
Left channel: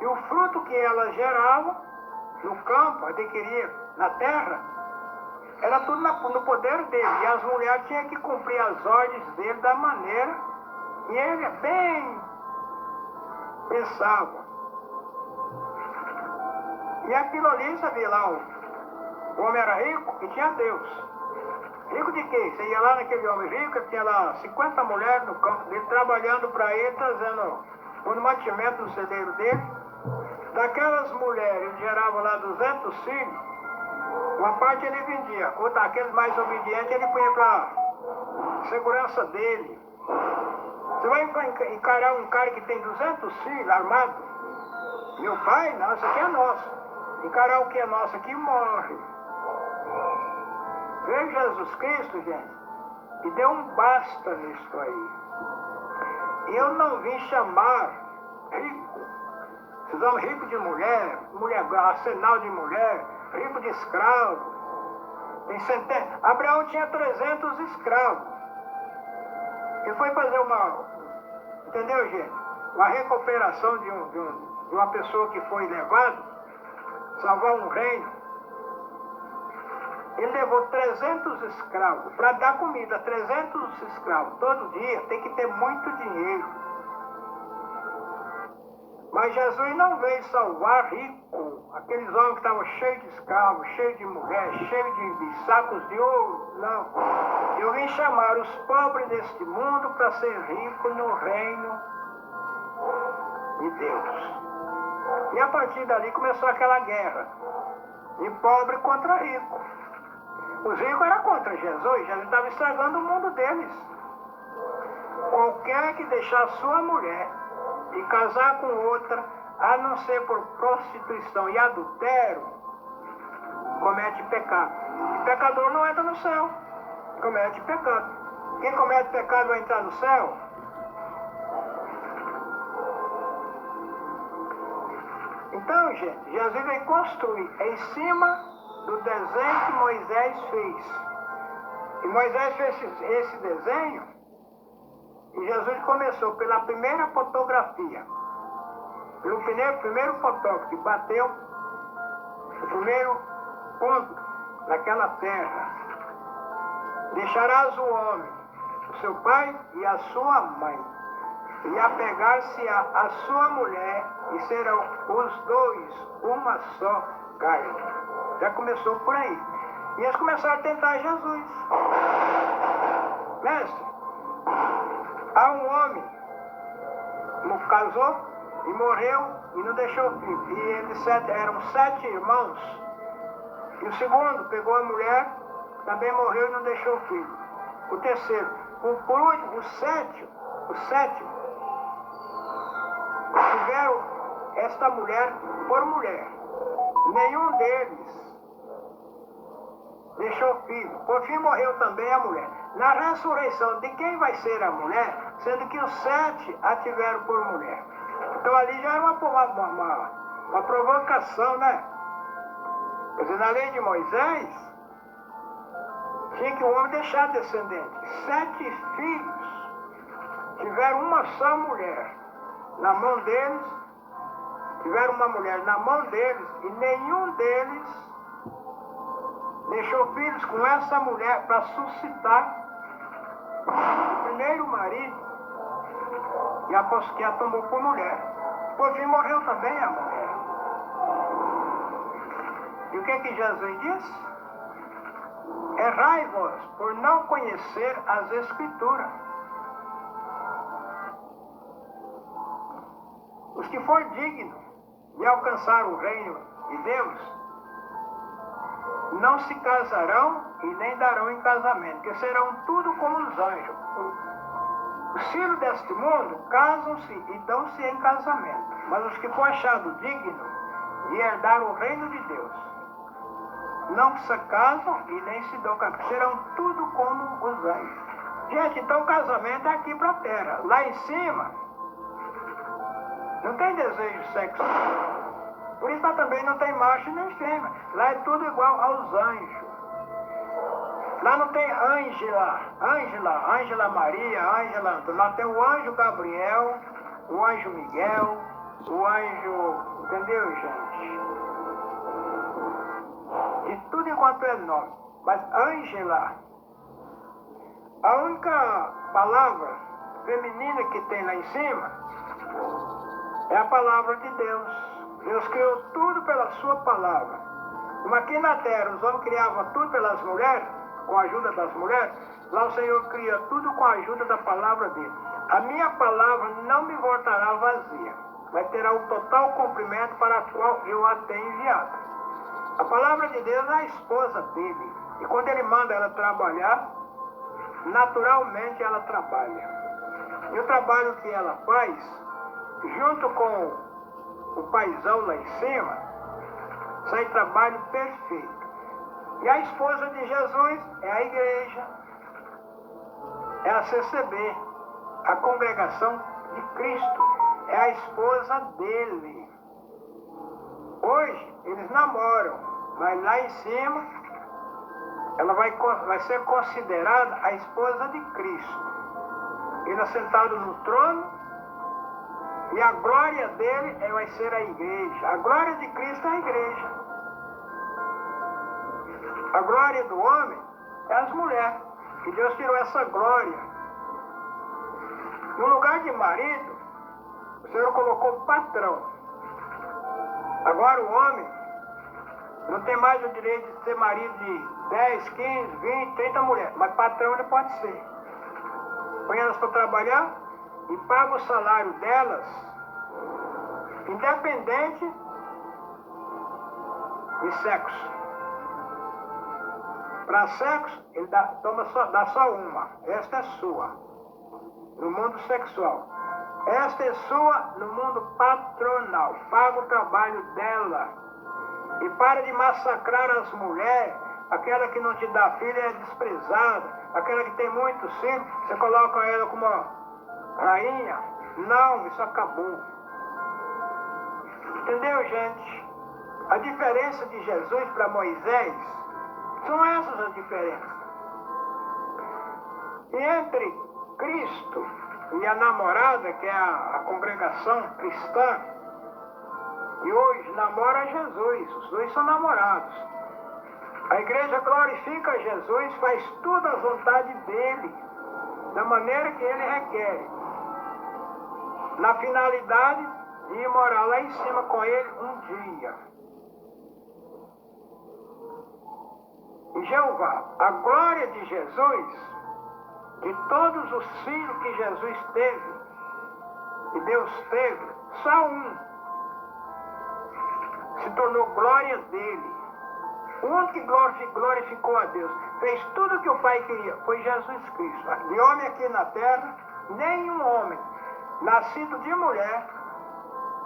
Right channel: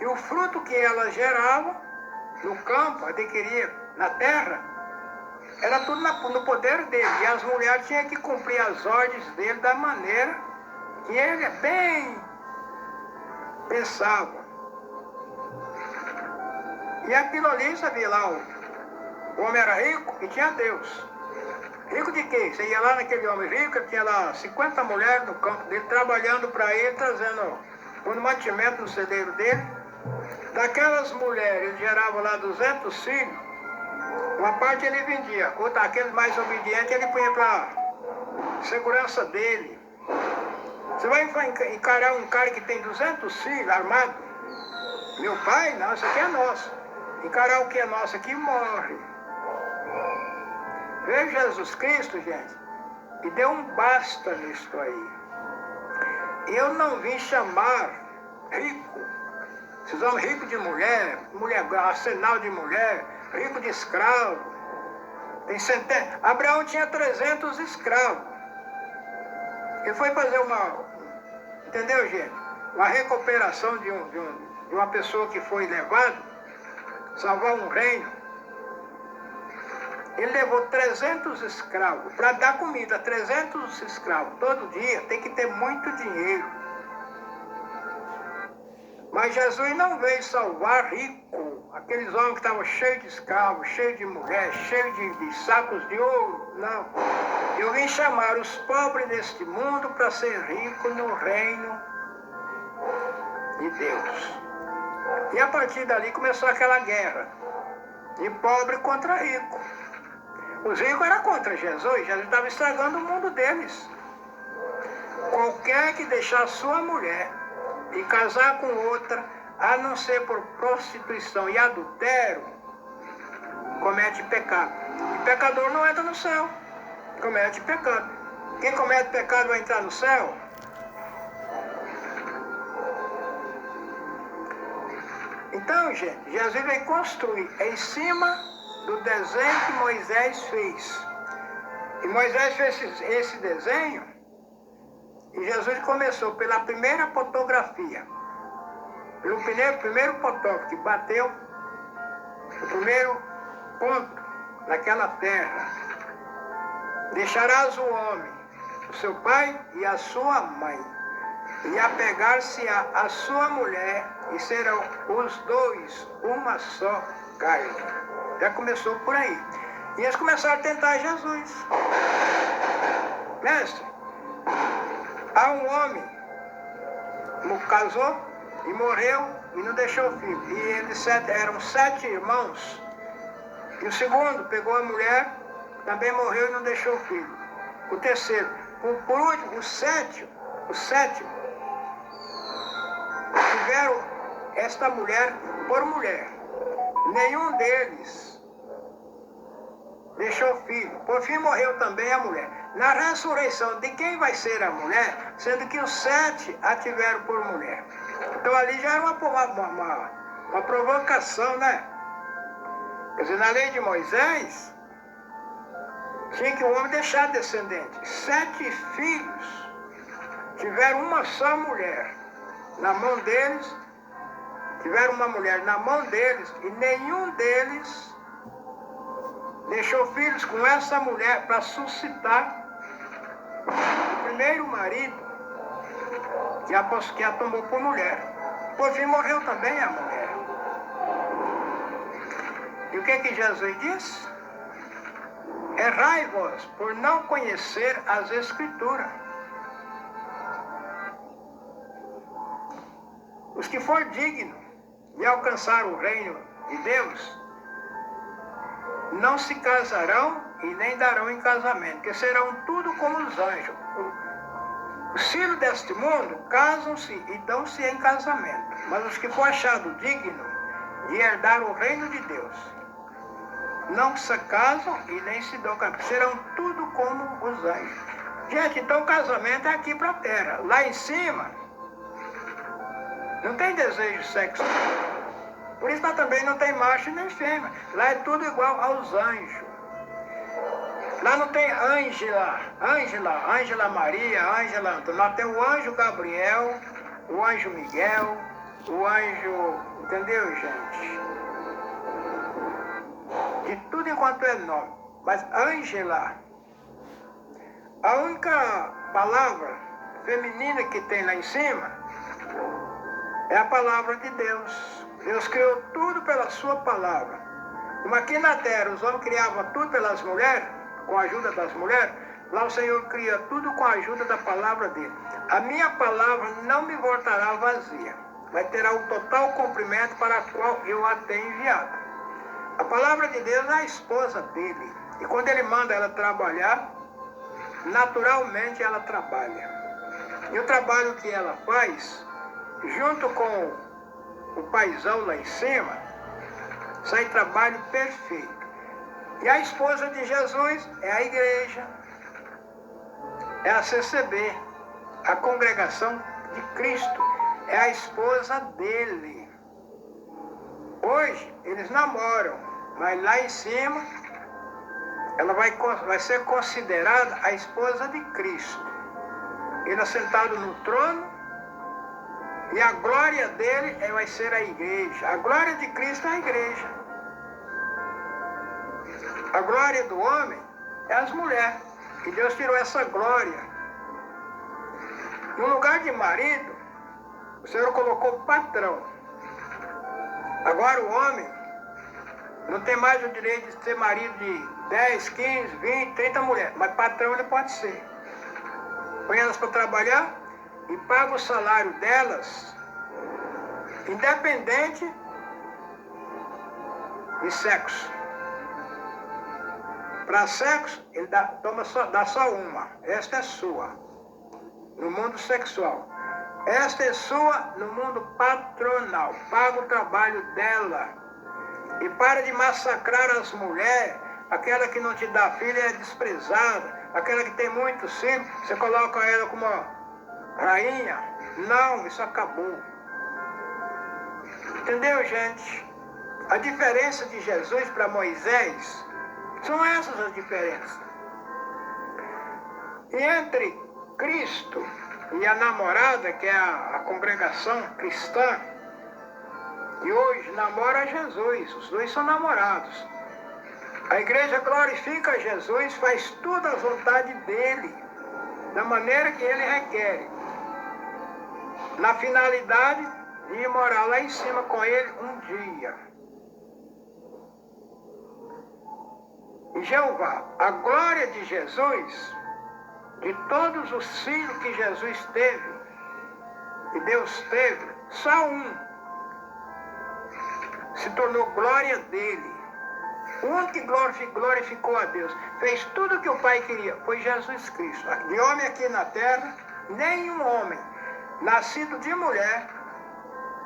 e o fruto que elas geravam no campo, adquiria na terra, era tudo no poder dele. E as mulheres tinham que cumprir as ordens dele da maneira que ele bem pensava. E aquilo ali, sabia lá, o homem era rico e tinha Deus. Rico de quê? Você ia lá naquele homem rico, ele tinha lá 50 mulheres no campo dele, trabalhando para ele, trazendo o mantimento no celeiro dele. Daquelas mulheres, ele gerava lá 200 filhos, uma parte ele vendia, outra, aquele mais obediente, ele punha para segurança dele. Você vai encarar um cara que tem 200 filhos armado? Meu pai? Não, isso aqui é nosso. Encarar o que é nosso aqui, morre. Veio Jesus Cristo, gente, e deu um basta nisso aí. Eu não vim chamar rico. Esses homens ricos de mulher, arsenal de mulher, rico de escravo. Tem centenas. Abraão tinha 300 escravos. Ele foi fazer entendeu, gente? Uma recuperação de uma pessoa que foi levada, salvar um reino. Ele levou 300 escravos para dar comida, 300 escravos. Todo dia tem que ter muito dinheiro. Mas Jesus não veio salvar rico, aqueles homens que estavam cheios de escravos, cheios de mulheres, cheios de sacos de ouro. Não. Eu vim chamar os pobres deste mundo para ser rico no reino de Deus. E a partir dali começou aquela guerra de pobre contra rico. Os ricos eram contra Jesus, Jesus estava estragando o mundo deles. qualquer que deixar sua mulher e casar com outra, a não ser por prostituição e adultério, comete pecado. E pecador não entra no céu, comete pecado. Quem comete pecado vai entrar no céu? Então, gente, Jesus veio construir em cima do desenho que Moisés fez. E Moisés fez esse desenho e Jesus começou pela primeira fotografia. Pelo primeiro fotógrafo que bateu o primeiro ponto naquela terra. Deixarás o homem, o seu pai e a sua mãe, e apegar-se a sua mulher, e serão os dois uma só carne. Já começou por aí. E eles começaram a tentar Jesus. Mestre, há um homem que casou e morreu e não deixou filho. E eles eram 7 irmãos. E o segundo pegou a mulher, também morreu e não deixou filho. O terceiro. Por último, o sétimo, tiveram esta mulher por mulher. Nenhum deles deixou filho. Por fim morreu também a mulher. Na ressurreição, de quem vai ser a mulher? Sendo que os 7 a tiveram por mulher. Então ali já era uma provocação, né? Quer dizer, na lei de Moisés, tinha que o homem deixar descendente. 7 filhos tiveram uma só mulher. Na mão deles, tiveram uma mulher na mão deles, e nenhum deles deixou filhos com essa mulher para suscitar o primeiro marido que a tomou por mulher. Por fim morreu também a mulher. E o que Jesus disse? Errai-vos por não conhecer as Escrituras. Os que for digno de alcançar o reino de Deus não se casarão e nem darão em casamento, que serão tudo como os anjos. Os filhos deste mundo casam-se e dão-se em casamento, mas os que for achado digno de herdar o reino de Deus não se casam e nem se dão casamento, serão tudo como os anjos. Gente, então o casamento é aqui para a terra. Lá em cima não tem desejo sexual. Por isso lá também não tem macho nem fêmea. Lá é tudo igual aos anjos. Lá não tem Ângela Maria, Ângela Antônio. Lá tem o anjo Gabriel, o anjo Miguel, o anjo... Entendeu, gente? De tudo enquanto é nome. Mas Ângela, a única palavra feminina que tem lá em cima é a palavra de Deus. Deus criou tudo pela sua palavra. Como aqui na terra os homens criavam tudo pelas mulheres, com a ajuda das mulheres, lá o Senhor cria tudo com a ajuda da palavra dele. A minha palavra não me voltará vazia, mas terá o total cumprimento para o qual eu a tenho enviado. A palavra de Deus é a esposa dele. E quando ele manda ela trabalhar, naturalmente ela trabalha. E o trabalho que ela faz, junto com o paizão lá em cima, sai trabalho perfeito. E a esposa de Jesus é a igreja, é a CCB, a congregação de Cristo, é a esposa dele. Hoje eles namoram, mas lá em cima ela vai ser considerada a esposa de Cristo. Ele assentado no trono, e a glória dele vai ser a igreja. A glória de Cristo é a igreja. A glória do homem é as mulheres. E Deus tirou essa glória. No lugar de marido, o Senhor colocou patrão. Agora o homem não tem mais o direito de ser marido de 10, 15, 20, 30 mulheres. Mas patrão ele pode ser. Põe elas para trabalhar e paga o salário delas, independente de sexo. Para sexo, ele dá só uma. Esta é sua. no mundo sexual. Esta é sua no mundo patronal. Paga o trabalho dela. E para de massacrar as mulheres. Aquela que não te dá filho é desprezada. Aquela que tem muitos filhos, você coloca ela como rainha. Não, isso acabou. Entendeu, gente? A diferença de Jesus para Moisés são essas as diferenças. E entre Cristo e a namorada, que é a congregação cristã, que hoje namora Jesus, os dois são namorados. A igreja glorifica Jesus, faz tudo à vontade dele, da maneira que ele requer, na finalidade de ir morar lá em cima com ele um dia. E Jeová, a glória de Jesus, de todos os filhos que Jesus teve, que Deus teve, só um se tornou glória dele. O único que glorificou a Deus, fez tudo o que o Pai queria, foi Jesus Cristo. De homem aqui na terra, nenhum homem nascido de mulher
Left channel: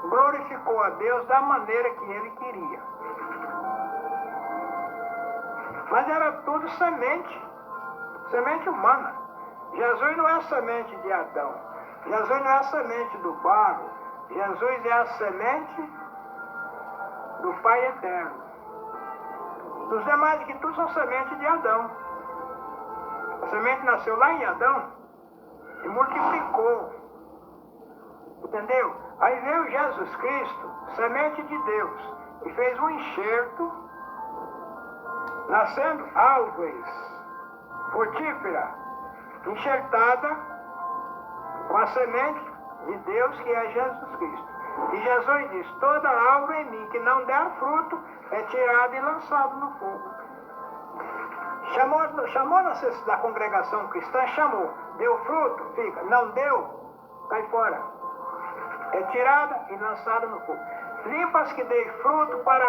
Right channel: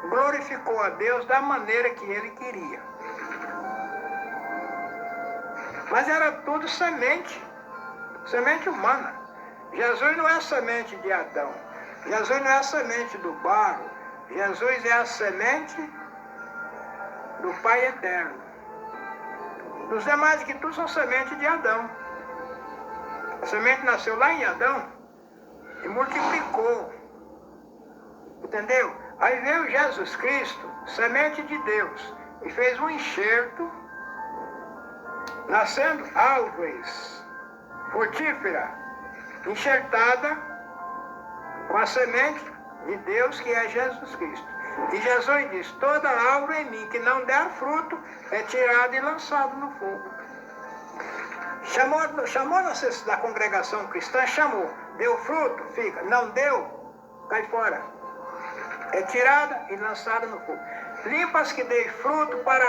glorificou a Deus da maneira que ele queria. Mas era tudo semente humana. Jesus não é a semente de Adão. Jesus não é a semente do barro. Jesus é a semente do Pai eterno. Os demais que tudo são semente de Adão. A semente nasceu lá em Adão e multiplicou. Entendeu? Aí veio Jesus Cristo, semente de Deus, e fez um enxerto, nascendo árvores frutífera, enxertada com a semente de Deus, que é Jesus Cristo. E Jesus diz, toda árvore em mim que não der fruto é tirada e lançada no fogo. Chamou na congregação cristã, chamou. Deu fruto, fica. Não deu, cai fora. É tirada e lançada no fogo. Limpa as que dê fruto para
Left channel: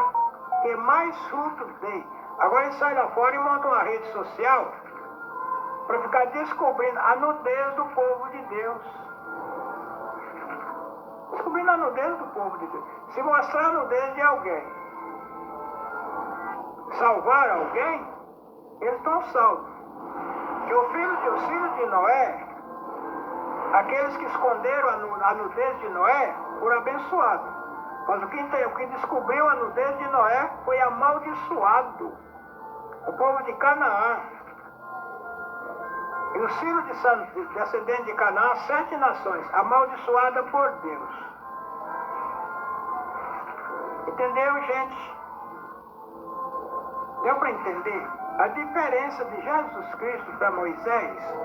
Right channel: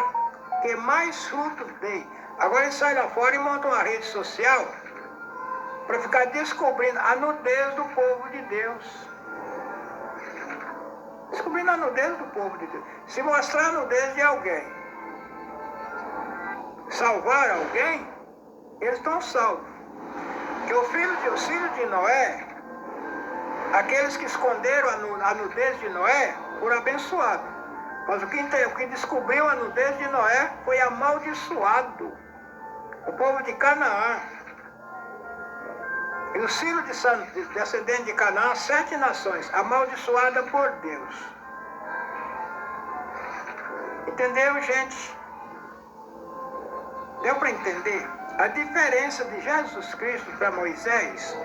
que mais frutos dê. Agora ele sai lá fora e monta uma rede social para ficar descobrindo a nudez do povo de Deus. Descobrindo a nudez do povo de Deus. Se mostrar a nudez de alguém, salvar alguém, eles estão salvos. Que os filhos de Noé, aqueles que esconderam a nudez de Noé, foram abençoados. Mas o que descobriu a nudez de Noé foi amaldiçoado. O povo de Canaã. E os filhos descendentes de Canaã, 7 nações, amaldiçoadas por Deus. Entendeu, gente? Deu para entender? A diferença de Jesus Cristo para Moisés.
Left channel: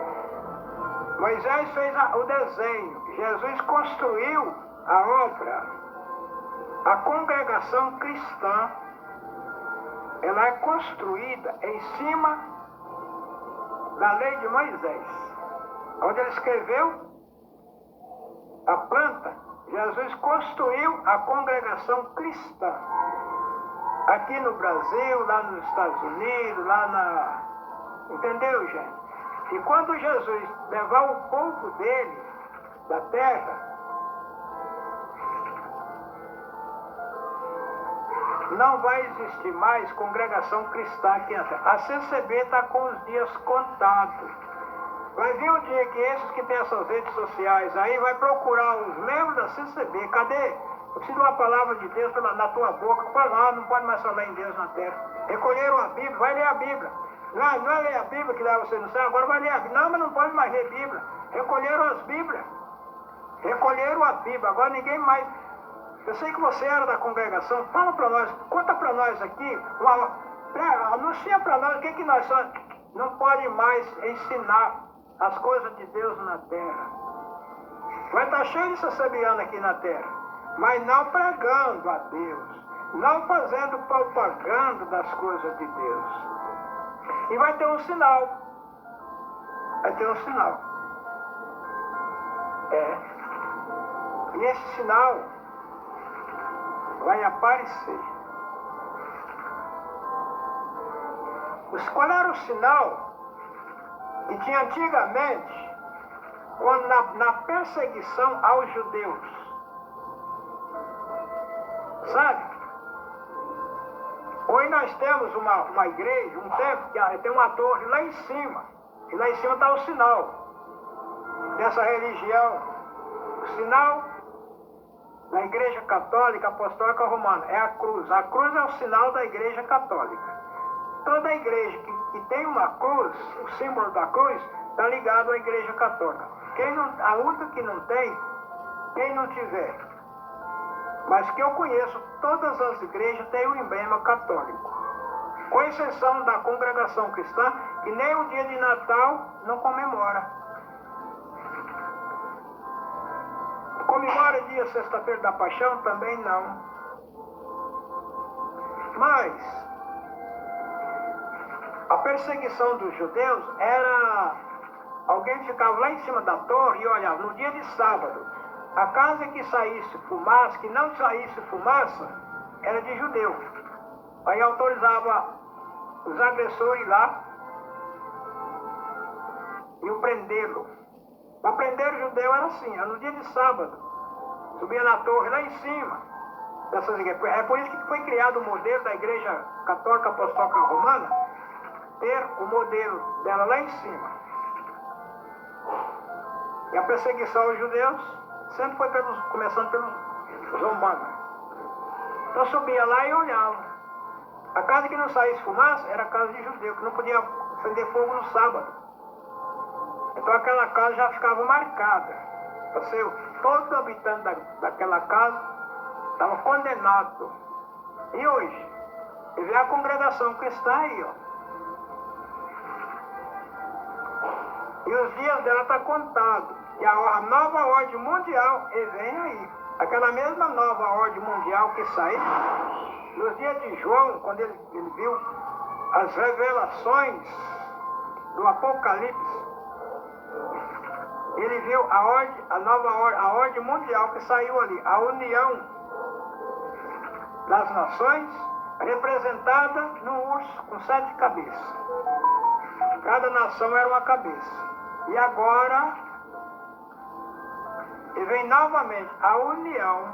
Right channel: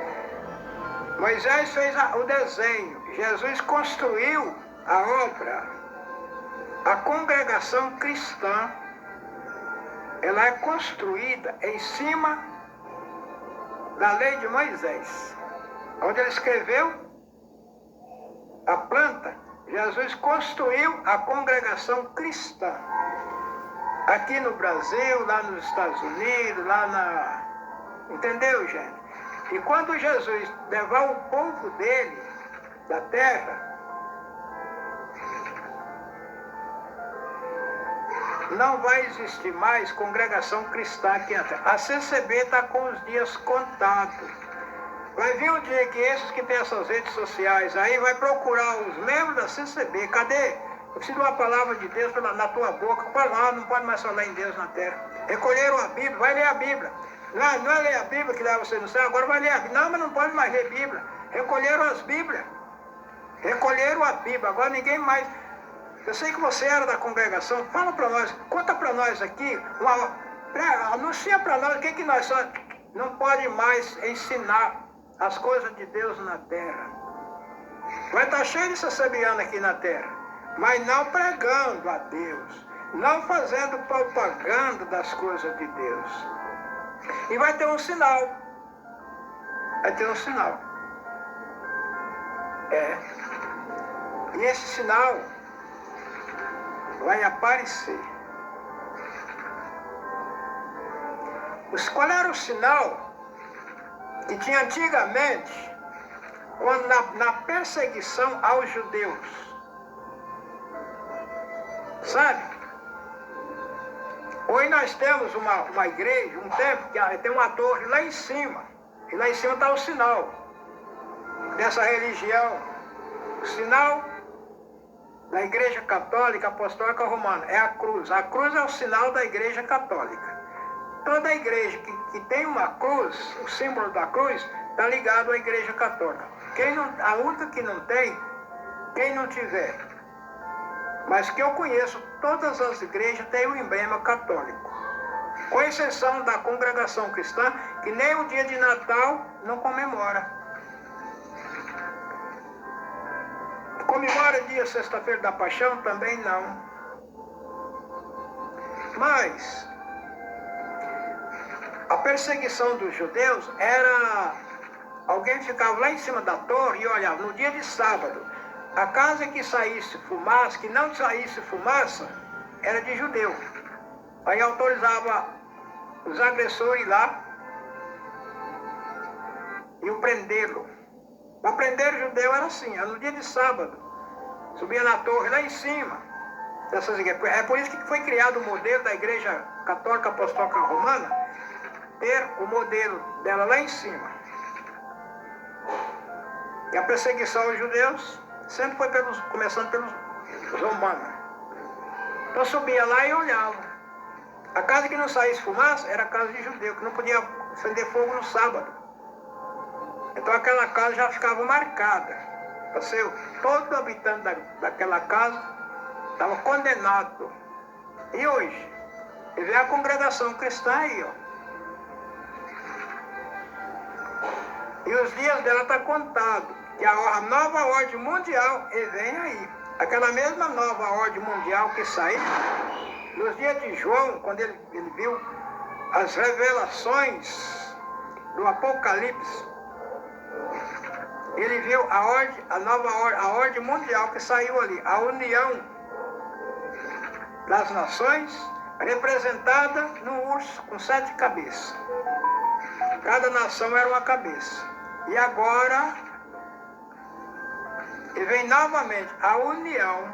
Moisés fez o desenho. Jesus construiu a obra. A congregação cristã, ela é construída em cima da lei de Moisés, onde ele escreveu a planta. Jesus construiu a congregação cristã, aqui no Brasil, lá nos Estados Unidos, entendeu, gente? E quando Jesus levar o povo dele da terra, não vai existir mais congregação cristã aqui na terra. A CCB está com os dias contados. Vai vir um dia que esses que têm essas redes sociais aí vai procurar os membros da CCB. Cadê? Eu preciso de uma palavra de Deus na tua boca. Não pode mais falar em Deus na terra. Recolheram a Bíblia, vai ler a Bíblia. Não é ler a Bíblia que leva você no céu, agora vai ler a Bíblia. Não, mas não pode mais ler a Bíblia. Recolheram as Bíblias. Recolheram a Bíblia. Agora ninguém mais... Eu sei que você era da congregação, fala para nós, conta para nós aqui, anuncia para nós o que nós somos. Não pode mais ensinar as coisas de Deus na terra. Vai estar cheio de sacerdote aqui na terra, mas não pregando a Deus, não fazendo propaganda das coisas de Deus. E vai ter um sinal. Vai ter um sinal. E esse sinal vai aparecer. Qual era o sinal que tinha antigamente quando na perseguição aos judeus. Sabe? Hoje nós temos uma igreja, um templo, que tem uma torre lá em cima. E lá em cima está o sinal dessa religião. O sinal da Igreja Católica Apostólica Romana é a cruz. A cruz é o sinal da Igreja Católica. Toda igreja que tem uma cruz, o símbolo da cruz, está ligado à Igreja Católica. A única que não tem, quem não tiver. Mas que eu conheço, todas as igrejas têm um emblema católico. Com exceção da congregação cristã, que nem o dia de Natal não comemora. Comemora dia sexta-feira da Paixão? Também não. Mas a perseguição dos judeus era... Alguém ficava lá em cima da torre e olhava, no dia de sábado, a casa que saísse fumaça, que não saísse fumaça, era de judeu. Aí autorizava os agressores lá e o prendê-lo. Para prender o judeu era assim, era no dia de sábado. Subia na torre lá em cima dessas igrejas. É por isso que foi criado o modelo da Igreja Católica Apostólica Romana, ter o modelo dela lá em cima. E a perseguição aos judeus sempre foi começando pelos romanos. Então subia lá e olhava. A casa que não saísse fumaça era a casa de judeu, que não podia acender fogo no sábado. Então aquela casa já ficava marcada. Todo habitante daquela casa estava condenado. E hoje? E vê a congregação cristã aí, ó. E os dias dela estão contados. Que a nova ordem mundial vem aí. Aquela mesma nova ordem mundial que saiu nos dias de João, quando ele viu as revelações do Apocalipse. Ele viu a nova ordem, a ordem mundial que saiu ali. A união das nações, representada no urso com 7 cabeças. Cada nação era uma cabeça. E agora... E vem novamente a união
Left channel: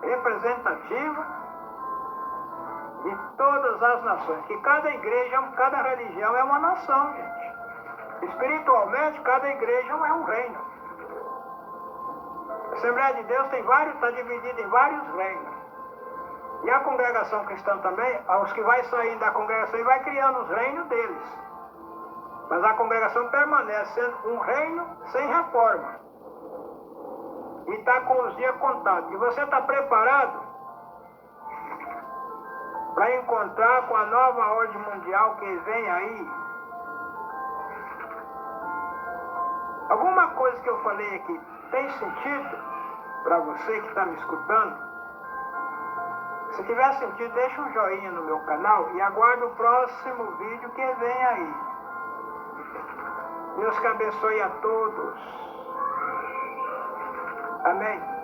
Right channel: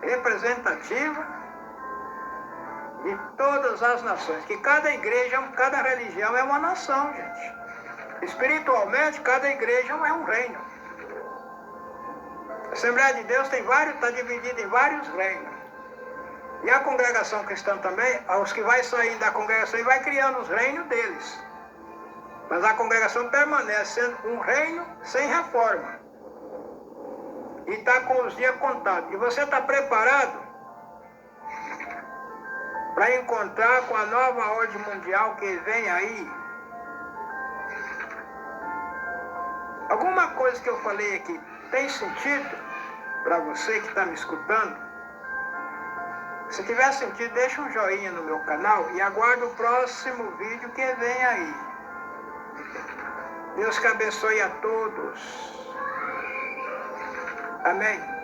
representativa de todas as nações. Que cada igreja, cada religião é uma nação, gente. Espiritualmente, cada igreja é um reino. A Assembleia de Deus está dividida em vários reinos. E a congregação cristã também, os que vai saindo da congregação e vai criando os reinos deles. Mas a congregação permanece sendo um reino sem reforma. E está com os dias contados. E você está preparado para encontrar com a nova ordem mundial que vem aí? Alguma coisa que eu falei aqui tem sentido para você que está me escutando? Se tiver sentido, deixa um joinha no meu canal e aguarde o próximo vídeo que vem aí. Deus que abençoe a todos. Amém.